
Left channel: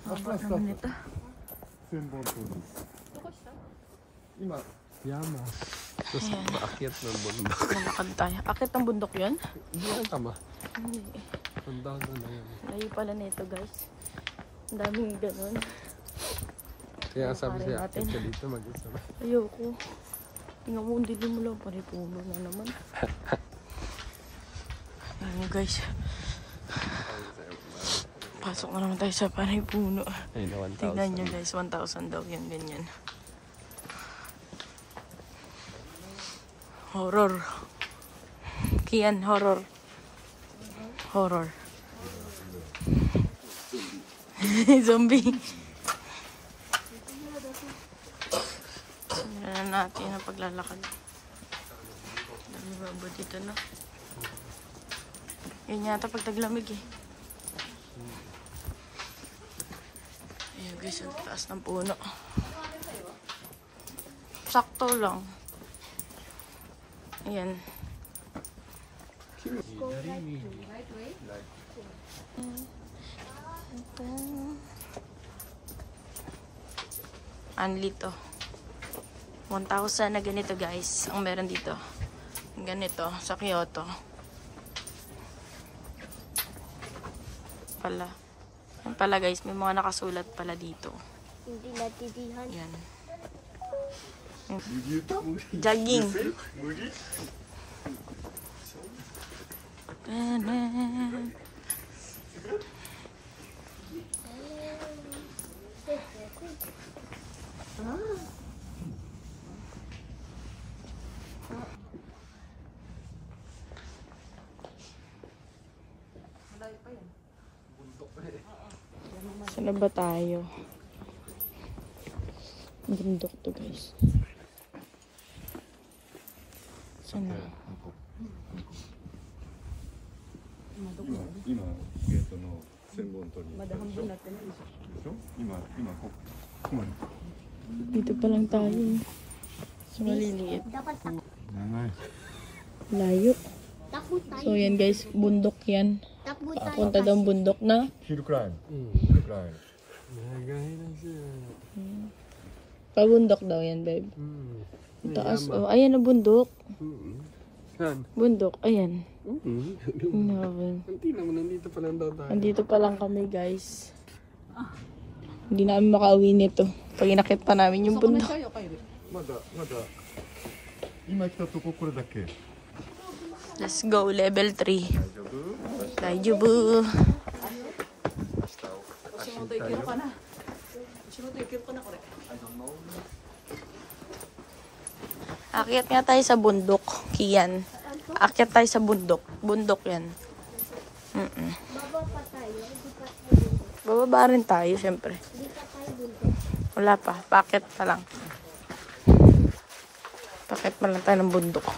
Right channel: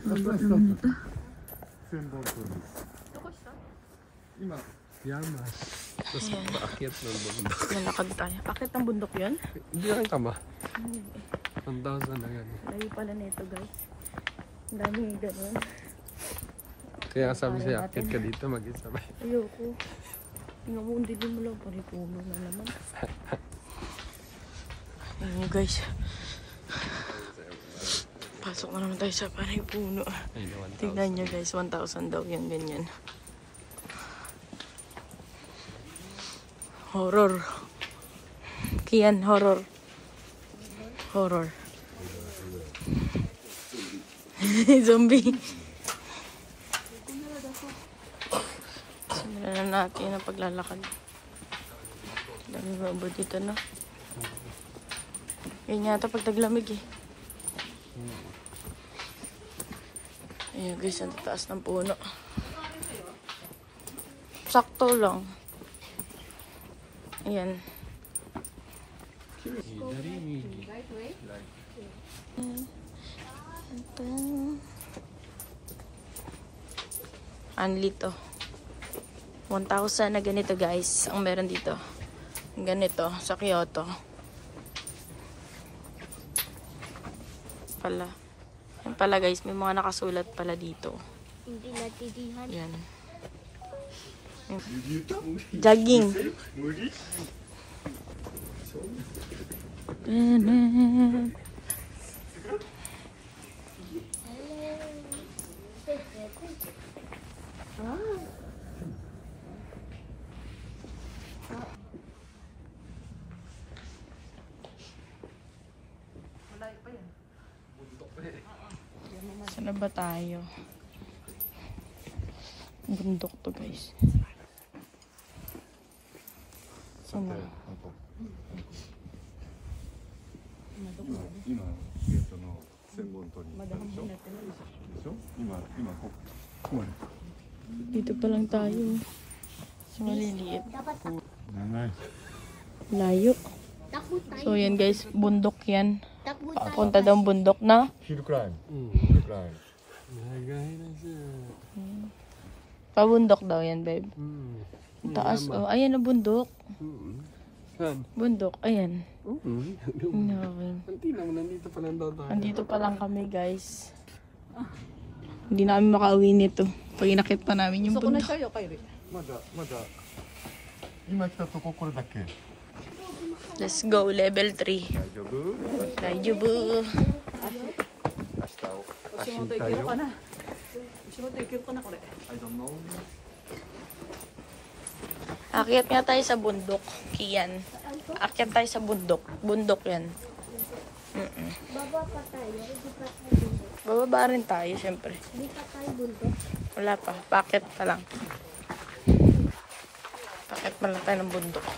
Haba naman ito. 1000本取り。今 Yama. Tapos paakyat ng bundok. Nalakad tayo. Akit ng bundok yan? Hindi rin tama. 1,000 na yan. Layo pala na ito, guys. Ang daming ganun. Kaya sabi siya, akit ka dito mag-isa. Ayoko. Tingnan mo, hindi mo lang panipuno na naman. Ayun, guys. Pasok na naman tayo sa panipuno. Tingnan nyo, guys. 1,000 daw yan, ganyan. Horror. Kian, horror. Horror. Zombie. Ano na natin ang paglalakad. Dami babo dito, no? Yun yata pag taglamig, eh. Ayun, guys, ang taas ng puno. Sakto lang. Ayan. Anli to. 1,000 na ganito, guys. Ang meron dito. Ganito sa Kyoto. Pala. Yan pala, guys. May mga nakasulat pala dito. Hindi natitihan. Yan. Jogging. Saan na ba tayo? Bundok to, guys. Saan na? 今ゲートの1000本取りに行ったでしょ。でしょ？今ここまで。 Dito pa lang tayo. So, maliliit. Dapat Nice. Layo. Takbo tayo. So yan guys, bundok yan. Takbo tayo. Punta daw bundok na. Hill climb. Hill climb. Pabundok daw yan, babe. Taas. Oh, ayan na bundok. Bundok, ayan. Nandito pa lang daw tayo. Andito pa lang kami, guys. Hindi na kami makauwi nito. Pag inakit pa namin yung bundok. まだ。今来たとここれだけ。 Let's go, level 3. Daijoubu. Akyat nga tayo sa bundok, Kian. Akyat tayo sa bundok. Bundok yan. Baba pa tayo. Hindi pa tayo bundok. Bababa rin tayo, syempre. Hindi pa tayo bundok. Wala pa. Paket pa lang. Paket pa lang tayo ng bundok.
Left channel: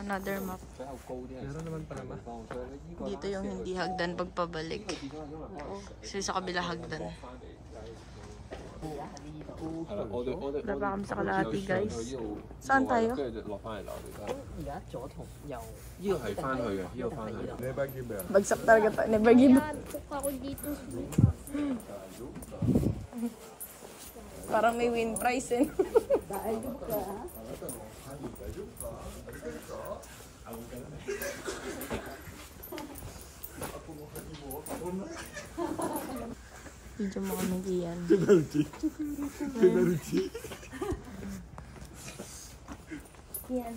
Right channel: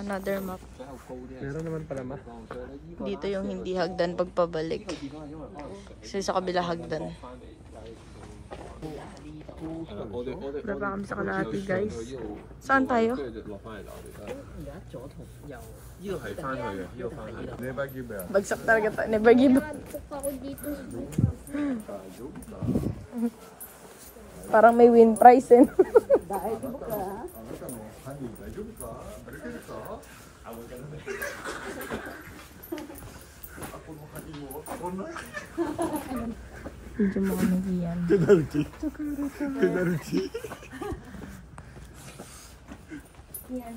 Another map. Meron naman pala ma. Dito yung hindi hagdan pagpabalik. Kasi sa kabila hagdan. Wala pa kami sa kalahati, guys. Saan tayo? Bagsak talaga tayo. Never give up. Nagpuk ako dito. Parang may win prize eh. Medyo makamagi yan. Penalty. Penalty. Yan.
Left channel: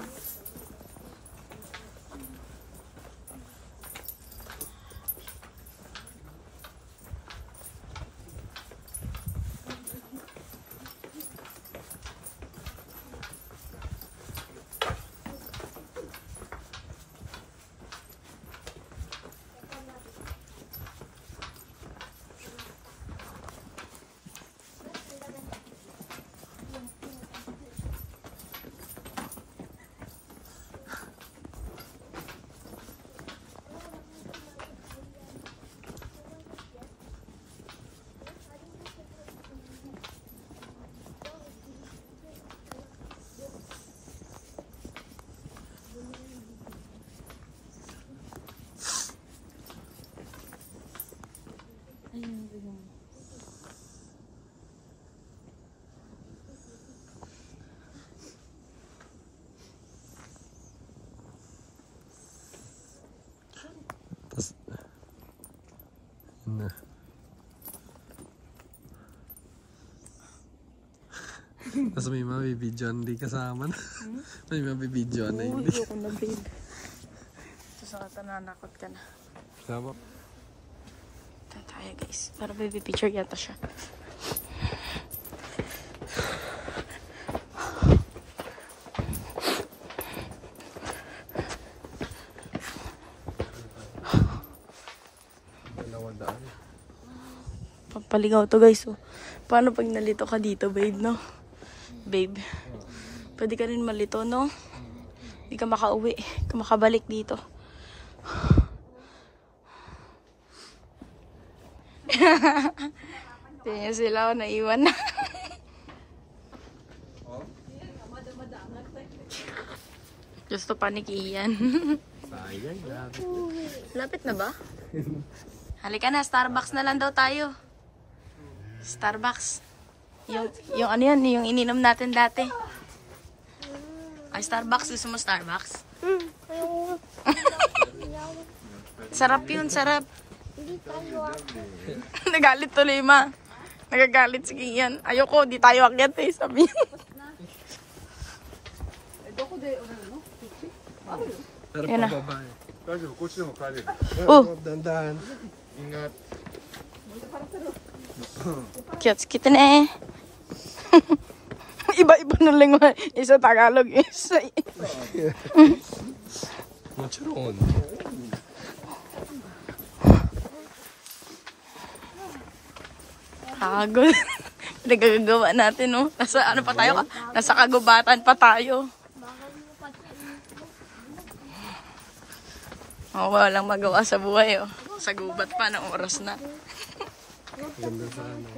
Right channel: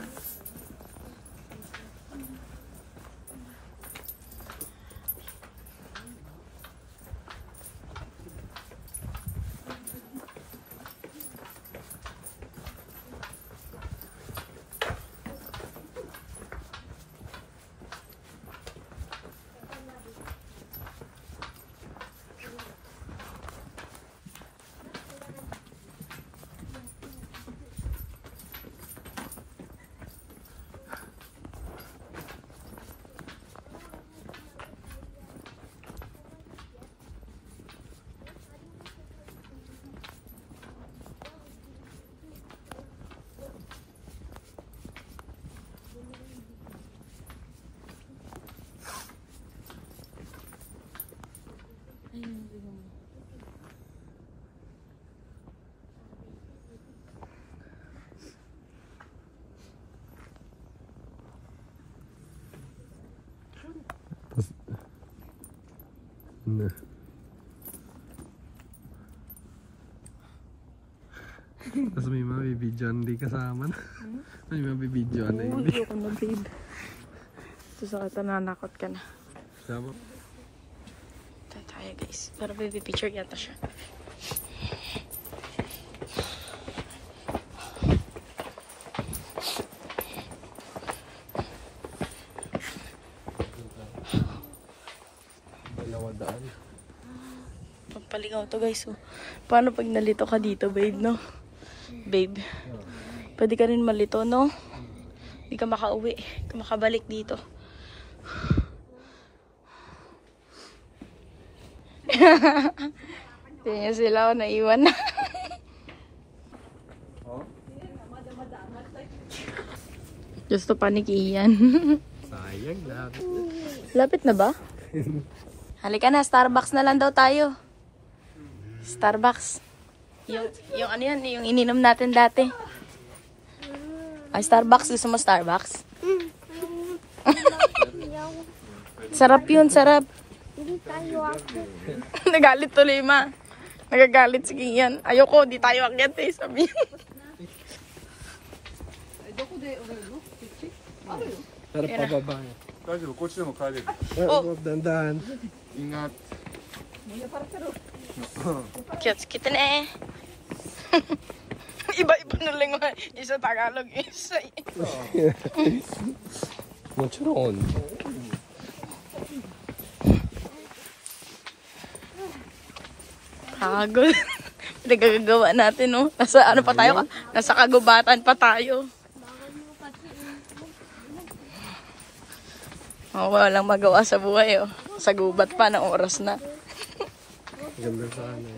Tapos, yun na. Tapos may mabibidyoan di kasama na. May mabibidyoan na hindi. Ayoko na, babe. Ito sa kata nanakot ka na. Sama. Ito tayo, guys. Para baby picture yata siya. Papaligaw to, guys. So, paano pag nalito ka dito, babe, no? Babe. Pwede ka rin malito, no? Hindi ka makauwi. Hindi ka makabalik dito. Tingnan sila ako, naiwan na. Gusto panik iyan. Sayang, lapit. Lapit na ba? Halika na, Starbucks na lang daw tayo. Starbucks. Yung ano yan, yung ininom natin dati. Ay, Starbucks. Gusto mo Starbucks? Sarap yun, sarap. Nagalit tuloy, ma. Nagagalit si Kian. Ayoko, di tayo akyat eh, sabi. Pero pababa. 大丈夫、こっちでも帰れる。 Oh, Dandan. Ingat. cute kita na eh. Iba-iba na lingwa. Isa Tagalog, isa. Mochiron. Nakakagod. Pinagagawa natin, no? Nasa ano pa tayo? Nasa kagubatan pa tayo. Oh, walang magawa sa buhay, oh. Sa gubat pa, ng oras na. Ganda sa ano.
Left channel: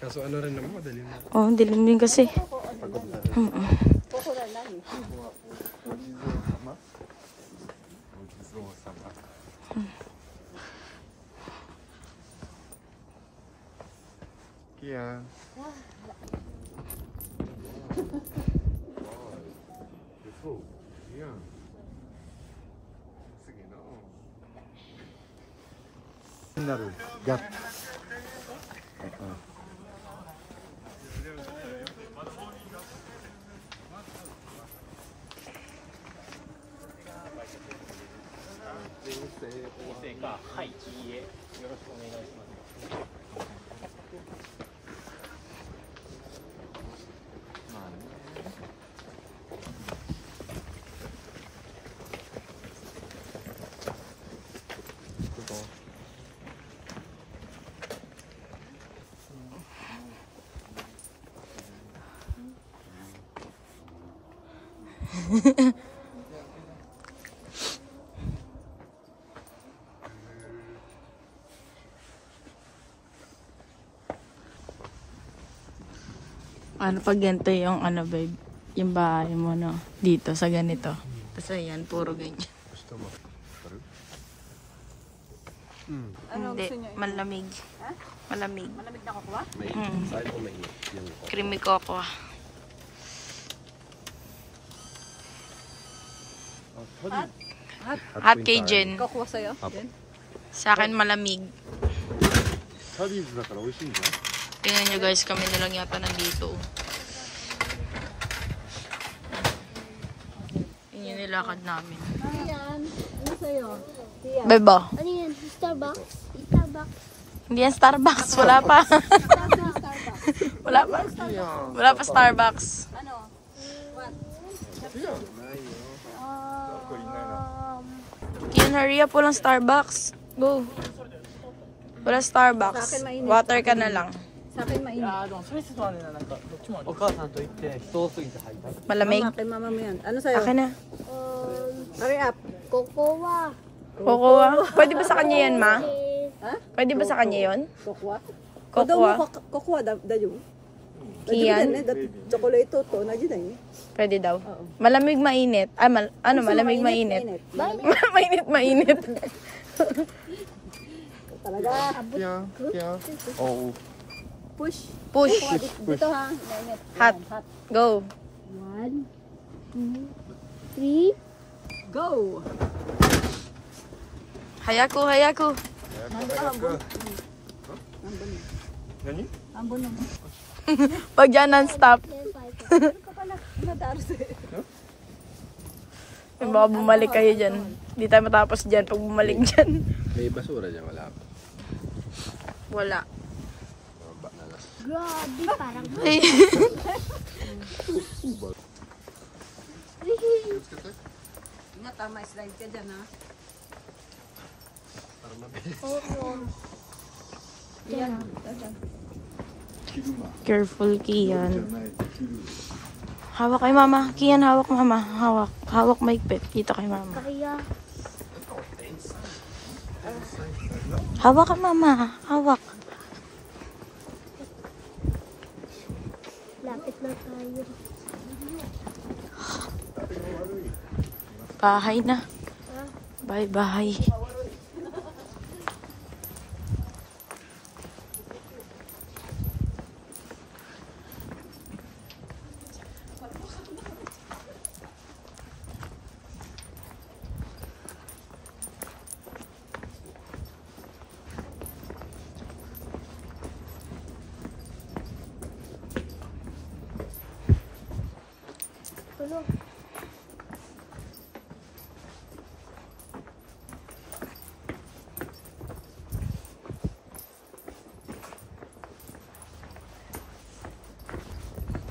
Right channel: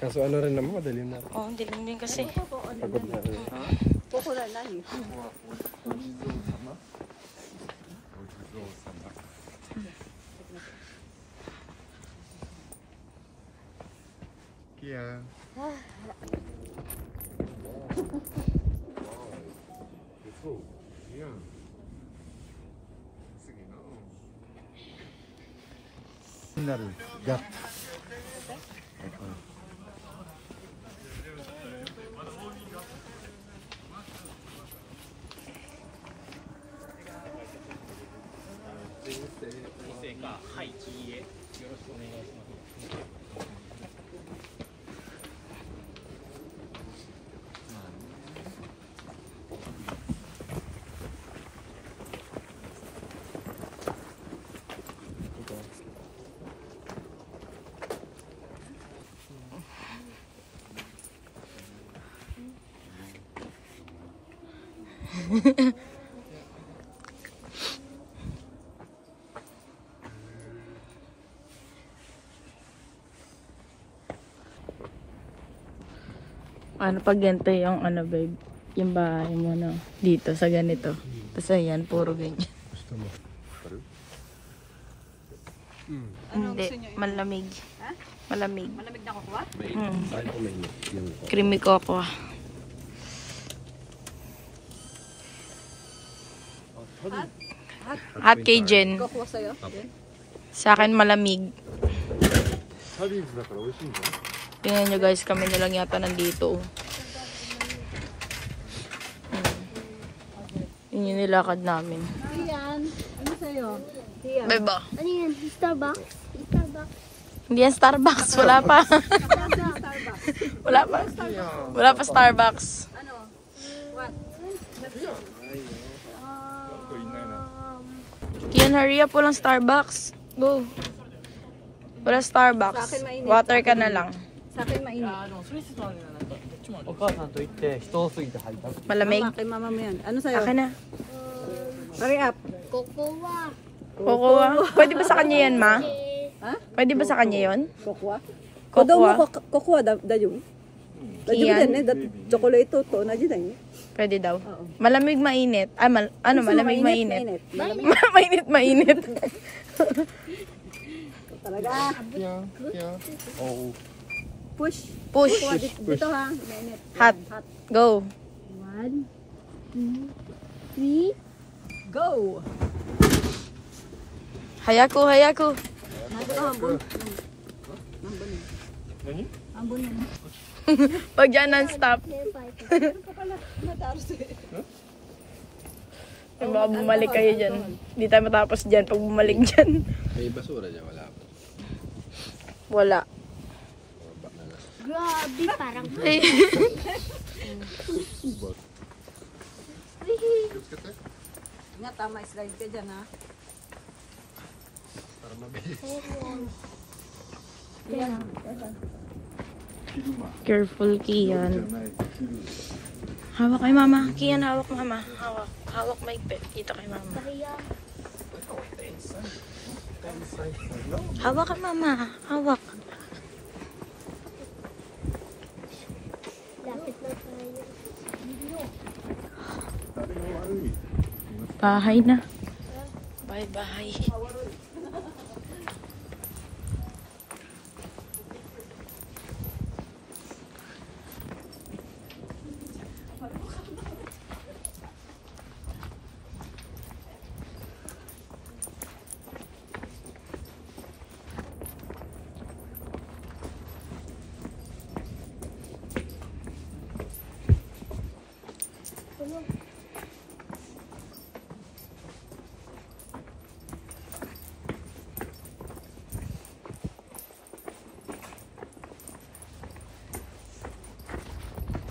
Kaso ano rin naman, madali na. Oh, dilim din kasi. Kian. 나를 갓. Ano pag ganito yung ano babe, yung bahay mo no, dito sa ganito. Tapos ayan, puro ganyan. Gusto mo? Hindi, malamig. Ha? Malamig. Malamig na kukuha? Saan ko may yan? Creamy cocoa. Hot kay Jen. Kukuha sa'yo? Yan. Sa akin malamig. サリーズだから美味しいんだよ。 Tingnan nyo guys, kami na lang yata nandito. Yun yung nilakad namin. Yan. Ano sa'yo? Beba. Ano yan? Starbucks? Starbucks? Hindi yan Starbucks. Wala pa. Wala pa. Wala pa Starbucks. Ano? What? Kian, hurry up. Walang Starbucks. Go. Wala Starbucks. Sa akin mainit. Water ka na lang. Sa akin mainit. Malamig. Mama, kay mama mo yan. Ano sa'yo? Akin na. Hurry up. Cocoa. Cocoa. Pwede ba sa kanya yan, ma? Ha? Pwede ba sa kanya yun? Kukuha? Cocoa. Kukuha dayo. Iyan. Chocolate to na dyan. Pwede daw. Malamig, mainit. Ah, malamig, mainit. Mainit, mainit. Talaga. Oo. Push. Push. Kukuha dito ha. Mainit. Hot. Hot. Go. 1, 2, 3. Go! Hayako, hayako. Hambon. Hambon na. Pag dyan non-stop. Baka bumalik kayo dyan. Hindi tayo matapos dyan pag bumalik dyan. May basura dyan, wala ako. Wala. Grabe, parang... Nga, tama, slide ka dyan ha. Para mabilis. Careful, Kian. Hawak kay mama. Kian, hawak mama. Hawak. Hawak maigpit. Kita kay mama. Hawak ka mama. Hawak. Lapit na tayo. Bahay na. Bye, bahay.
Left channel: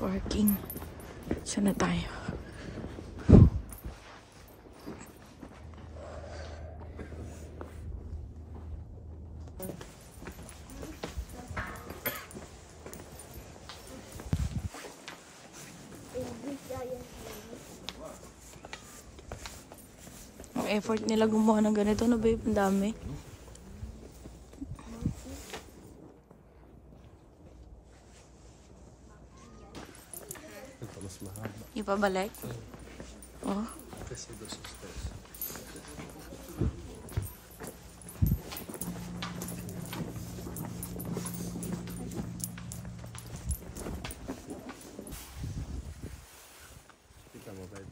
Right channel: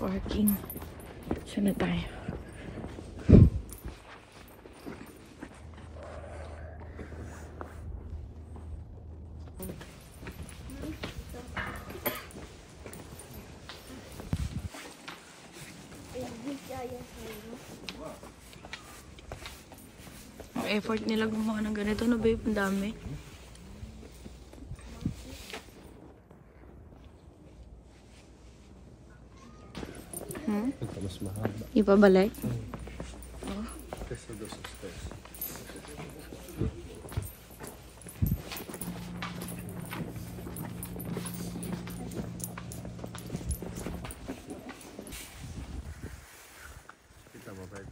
Parking. Saan na tayo? Ang effort nila gumawa ng ganito na babe, ang dami. Mas mahaba. Ipabalik? Oh. Kita mo, Brad.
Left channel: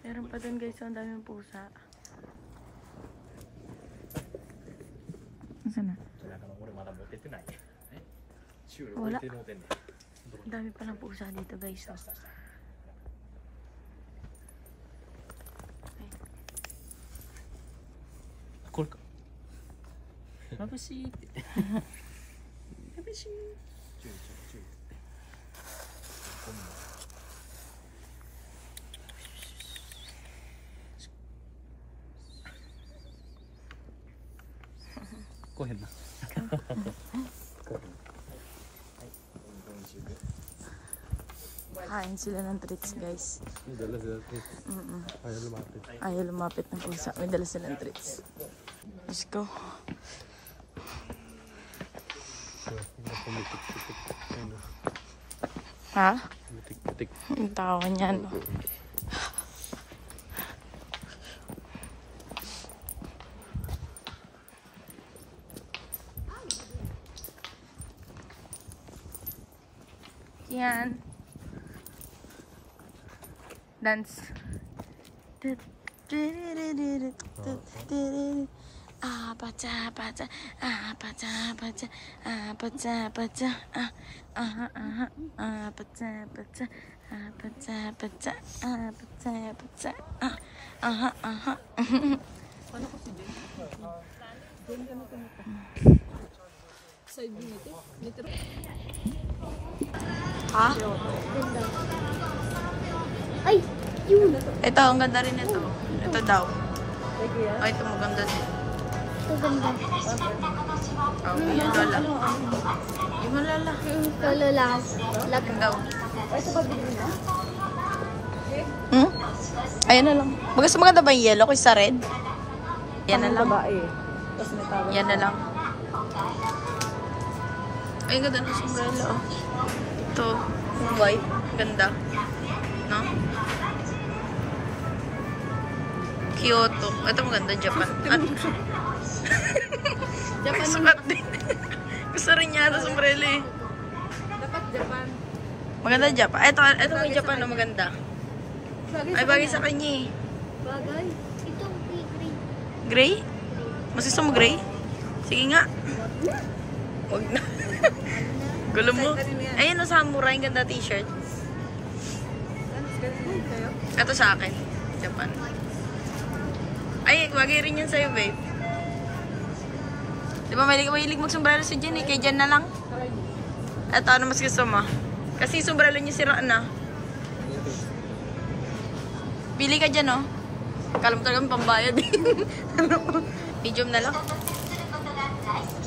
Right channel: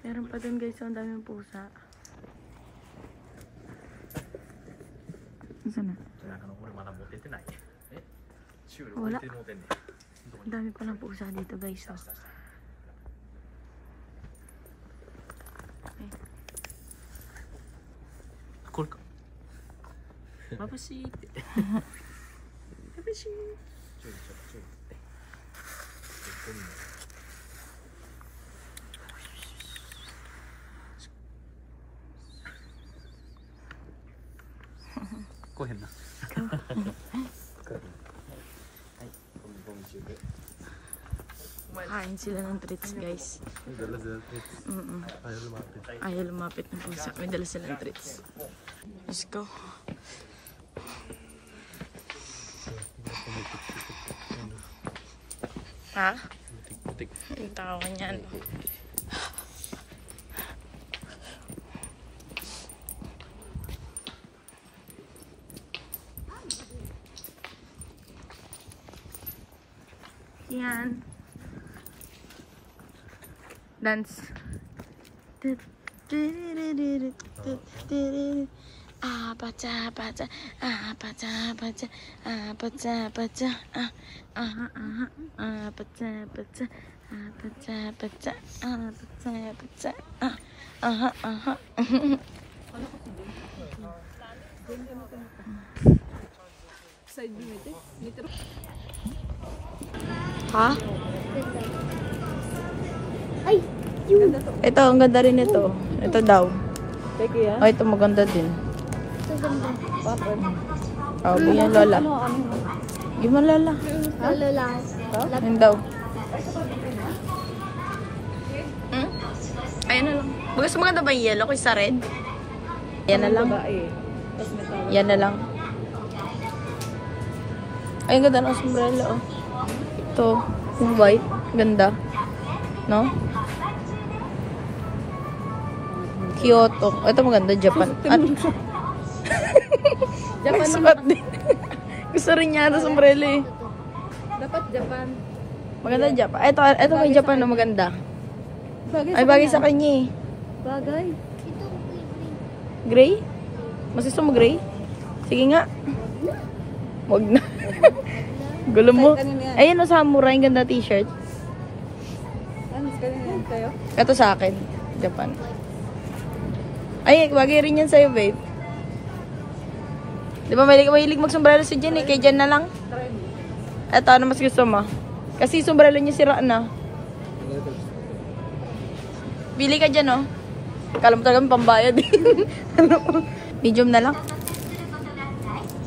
Meron pa dun guys, ang daming pusa. Saan na? Wala. Ang dami palang pusa dito guys. Oh. Cool ka. Mabasit. Mabasit. Kuhin na. Kain sila ng treats guys. May dala sila treats. Ayaw lumapit. Ayaw lumapit ng pusa. May dala silang treats. Let's go. Ha? Ang tawa niya, no? Yan. Dance. Baca, baca, baca, baca, baca, baca, baca, baca, baca, baca, baca, baca, Ha? Ay, yun. Ito, ang ganda rin ito. Ito daw. Ay, ito maganda din. Ito ganda. Oh, yung lola. Di mo lola. Lalo lang. Yung daw. Hmm? Ayan na lang. Mas maganda ba yung yellow kaysa red? Yan na lang. Yan na lang. Ay, ganda ng sombrero, oh. Ito, yung white. Ganda. No? Kyoto. Ito maganda, Japan. At Japan sukat din. Gusto rin niya ito sombrero eh. Dapat Japan. Maganda Japan. Ito may Japan na maganda. Ay, bagay sa kanya eh. Bagay. Ito, Gray? green. Mas gusto mo gray? Sige nga. Wag na. Gulo mo. Ayun na samurai. Ang ganda t-shirt. Ito sa akin. Japan. Ay, bagay rin yan sa'yo, babe. Di ba mahilig mag-sombrero si Jen eh? Kay Jen na lang. Ito, ano mas gusto mo? Kasi sombrero niya sira na. Pili ka dyan, oh. Kala mo talaga pambayad. Medium na lang.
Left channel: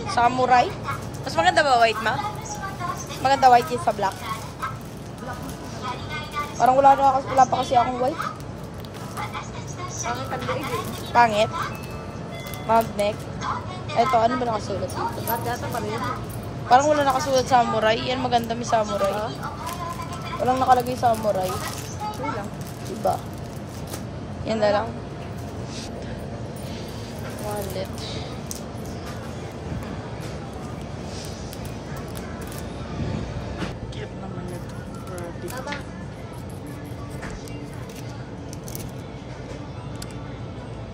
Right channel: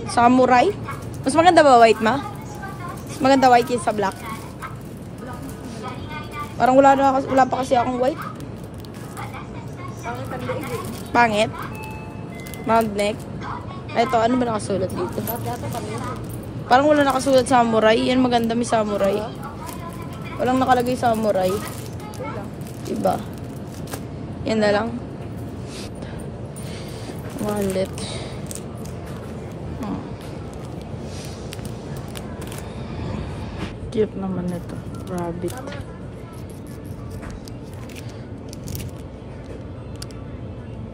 Samurai. Mas maganda ba white, ma? Mas maganda white yun sa black. Parang wala pa kasi akong white. Pangit. Magneck. Ito, ano ba nakasulat dito? Parang wala nakasulat samurai. Yan maganda, may samurai. Walang nakalagay samurai. Diba? Yan na lang. Ulit. Cute naman ito. Rabbit.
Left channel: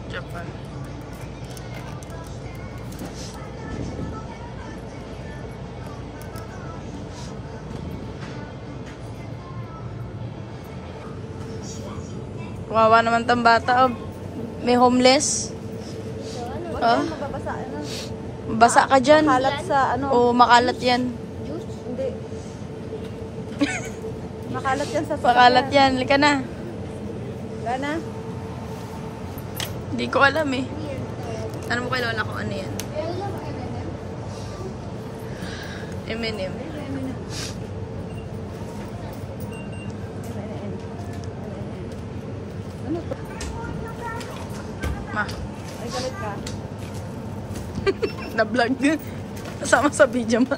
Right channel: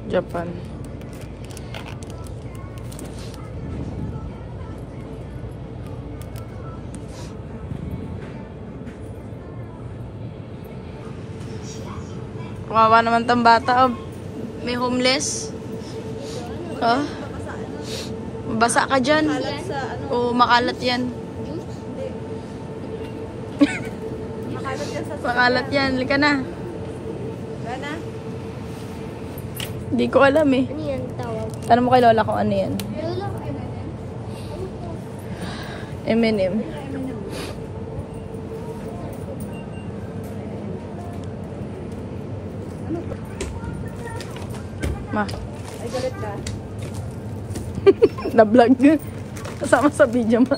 Japan. Kawawa naman tang bata. Oh. May homeless. Oh. Basa ka dyan. O makalat yan. Makalat yan. Lika na. Hindi ko alam eh. Ano yan tawag? Tanong mo kay Lola kung ano yan. M&M. Ma. Ay, galit ka. Na-vlog. Kasama sa video, ma.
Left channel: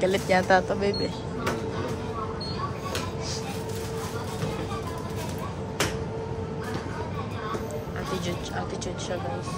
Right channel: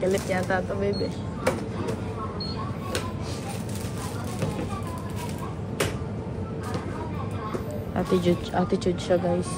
Galit yata ito, baby. Attitude siya, guys.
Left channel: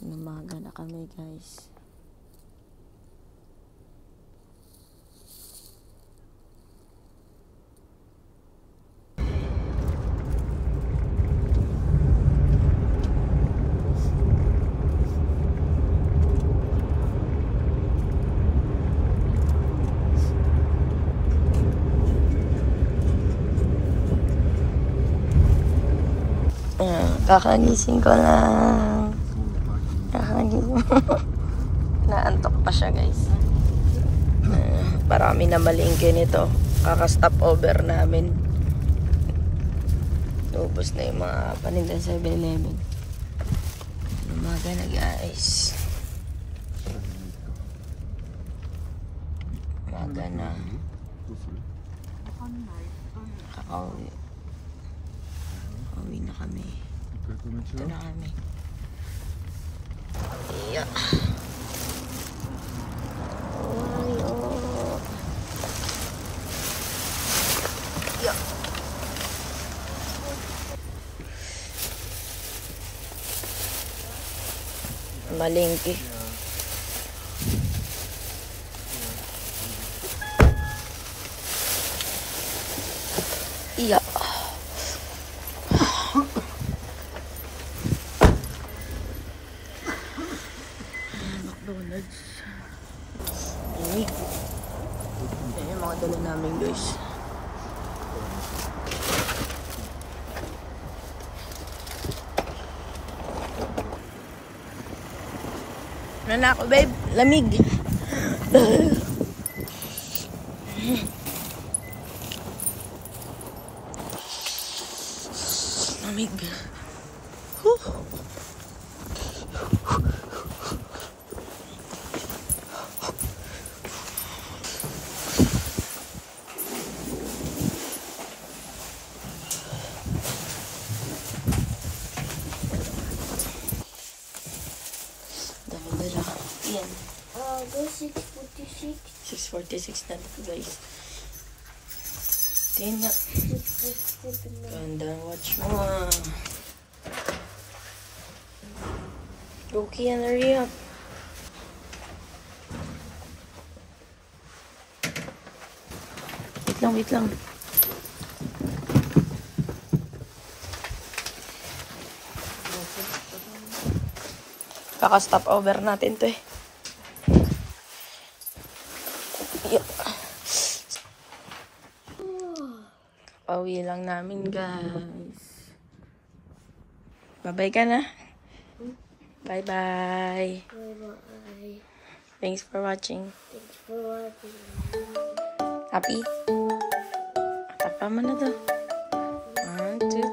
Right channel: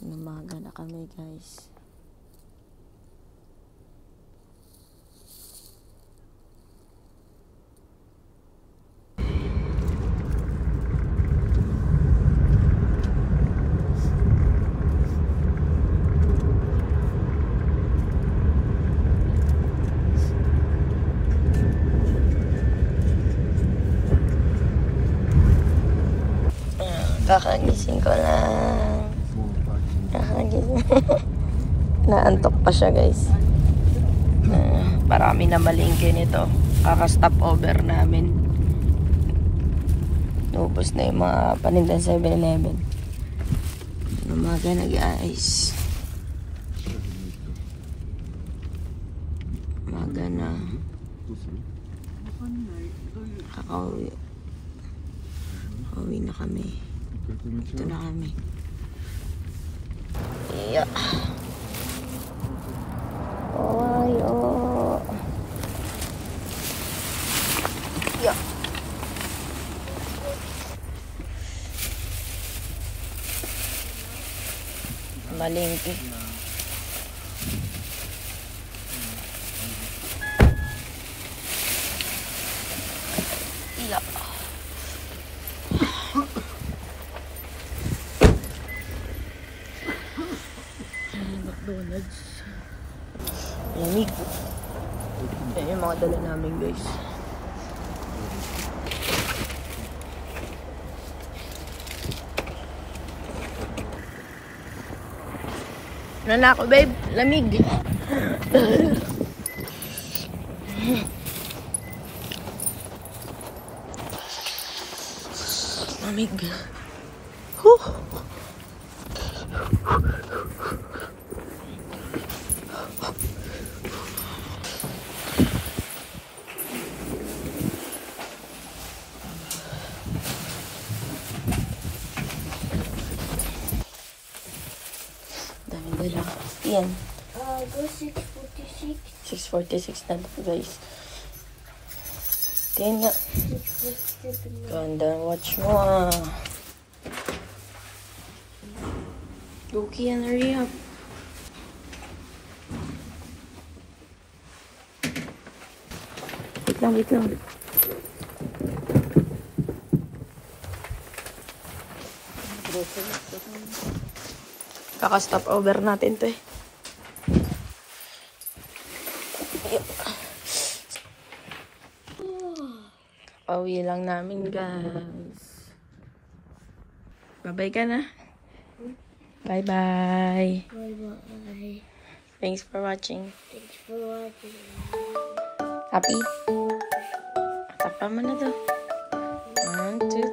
Namaga na kami, guys. Kakagising ko lang. Kakagising. Naantok pa siya, guys. Parami na malingke nito. Kaka-stop over namin. Ubus na yung mga panindan 7-Eleven. Umaga na, guys. Umaga na. Kakauwi na kami. Ito na kami. Yeah. Oh. Yeah. Malingki. Yeah. McDonald's. Lamig. Yan yung mga dala namin, guys. Ano na ako, babe? Lamig. Lamig. Huh. Yan. Go 6:46. 6:46 na dito, guys. Tingnan nga. 6:47. Ganda, watch mo ah. Go, Kian, hurry up. Wait lang. Kaka-stop over natin to eh. Pauwi lang namin, guys. Bye-bye ka na. Bye-bye. Bye-bye. Thanks for watching. Thanks for watching. Happy? Tapa mo na to. 1, 2,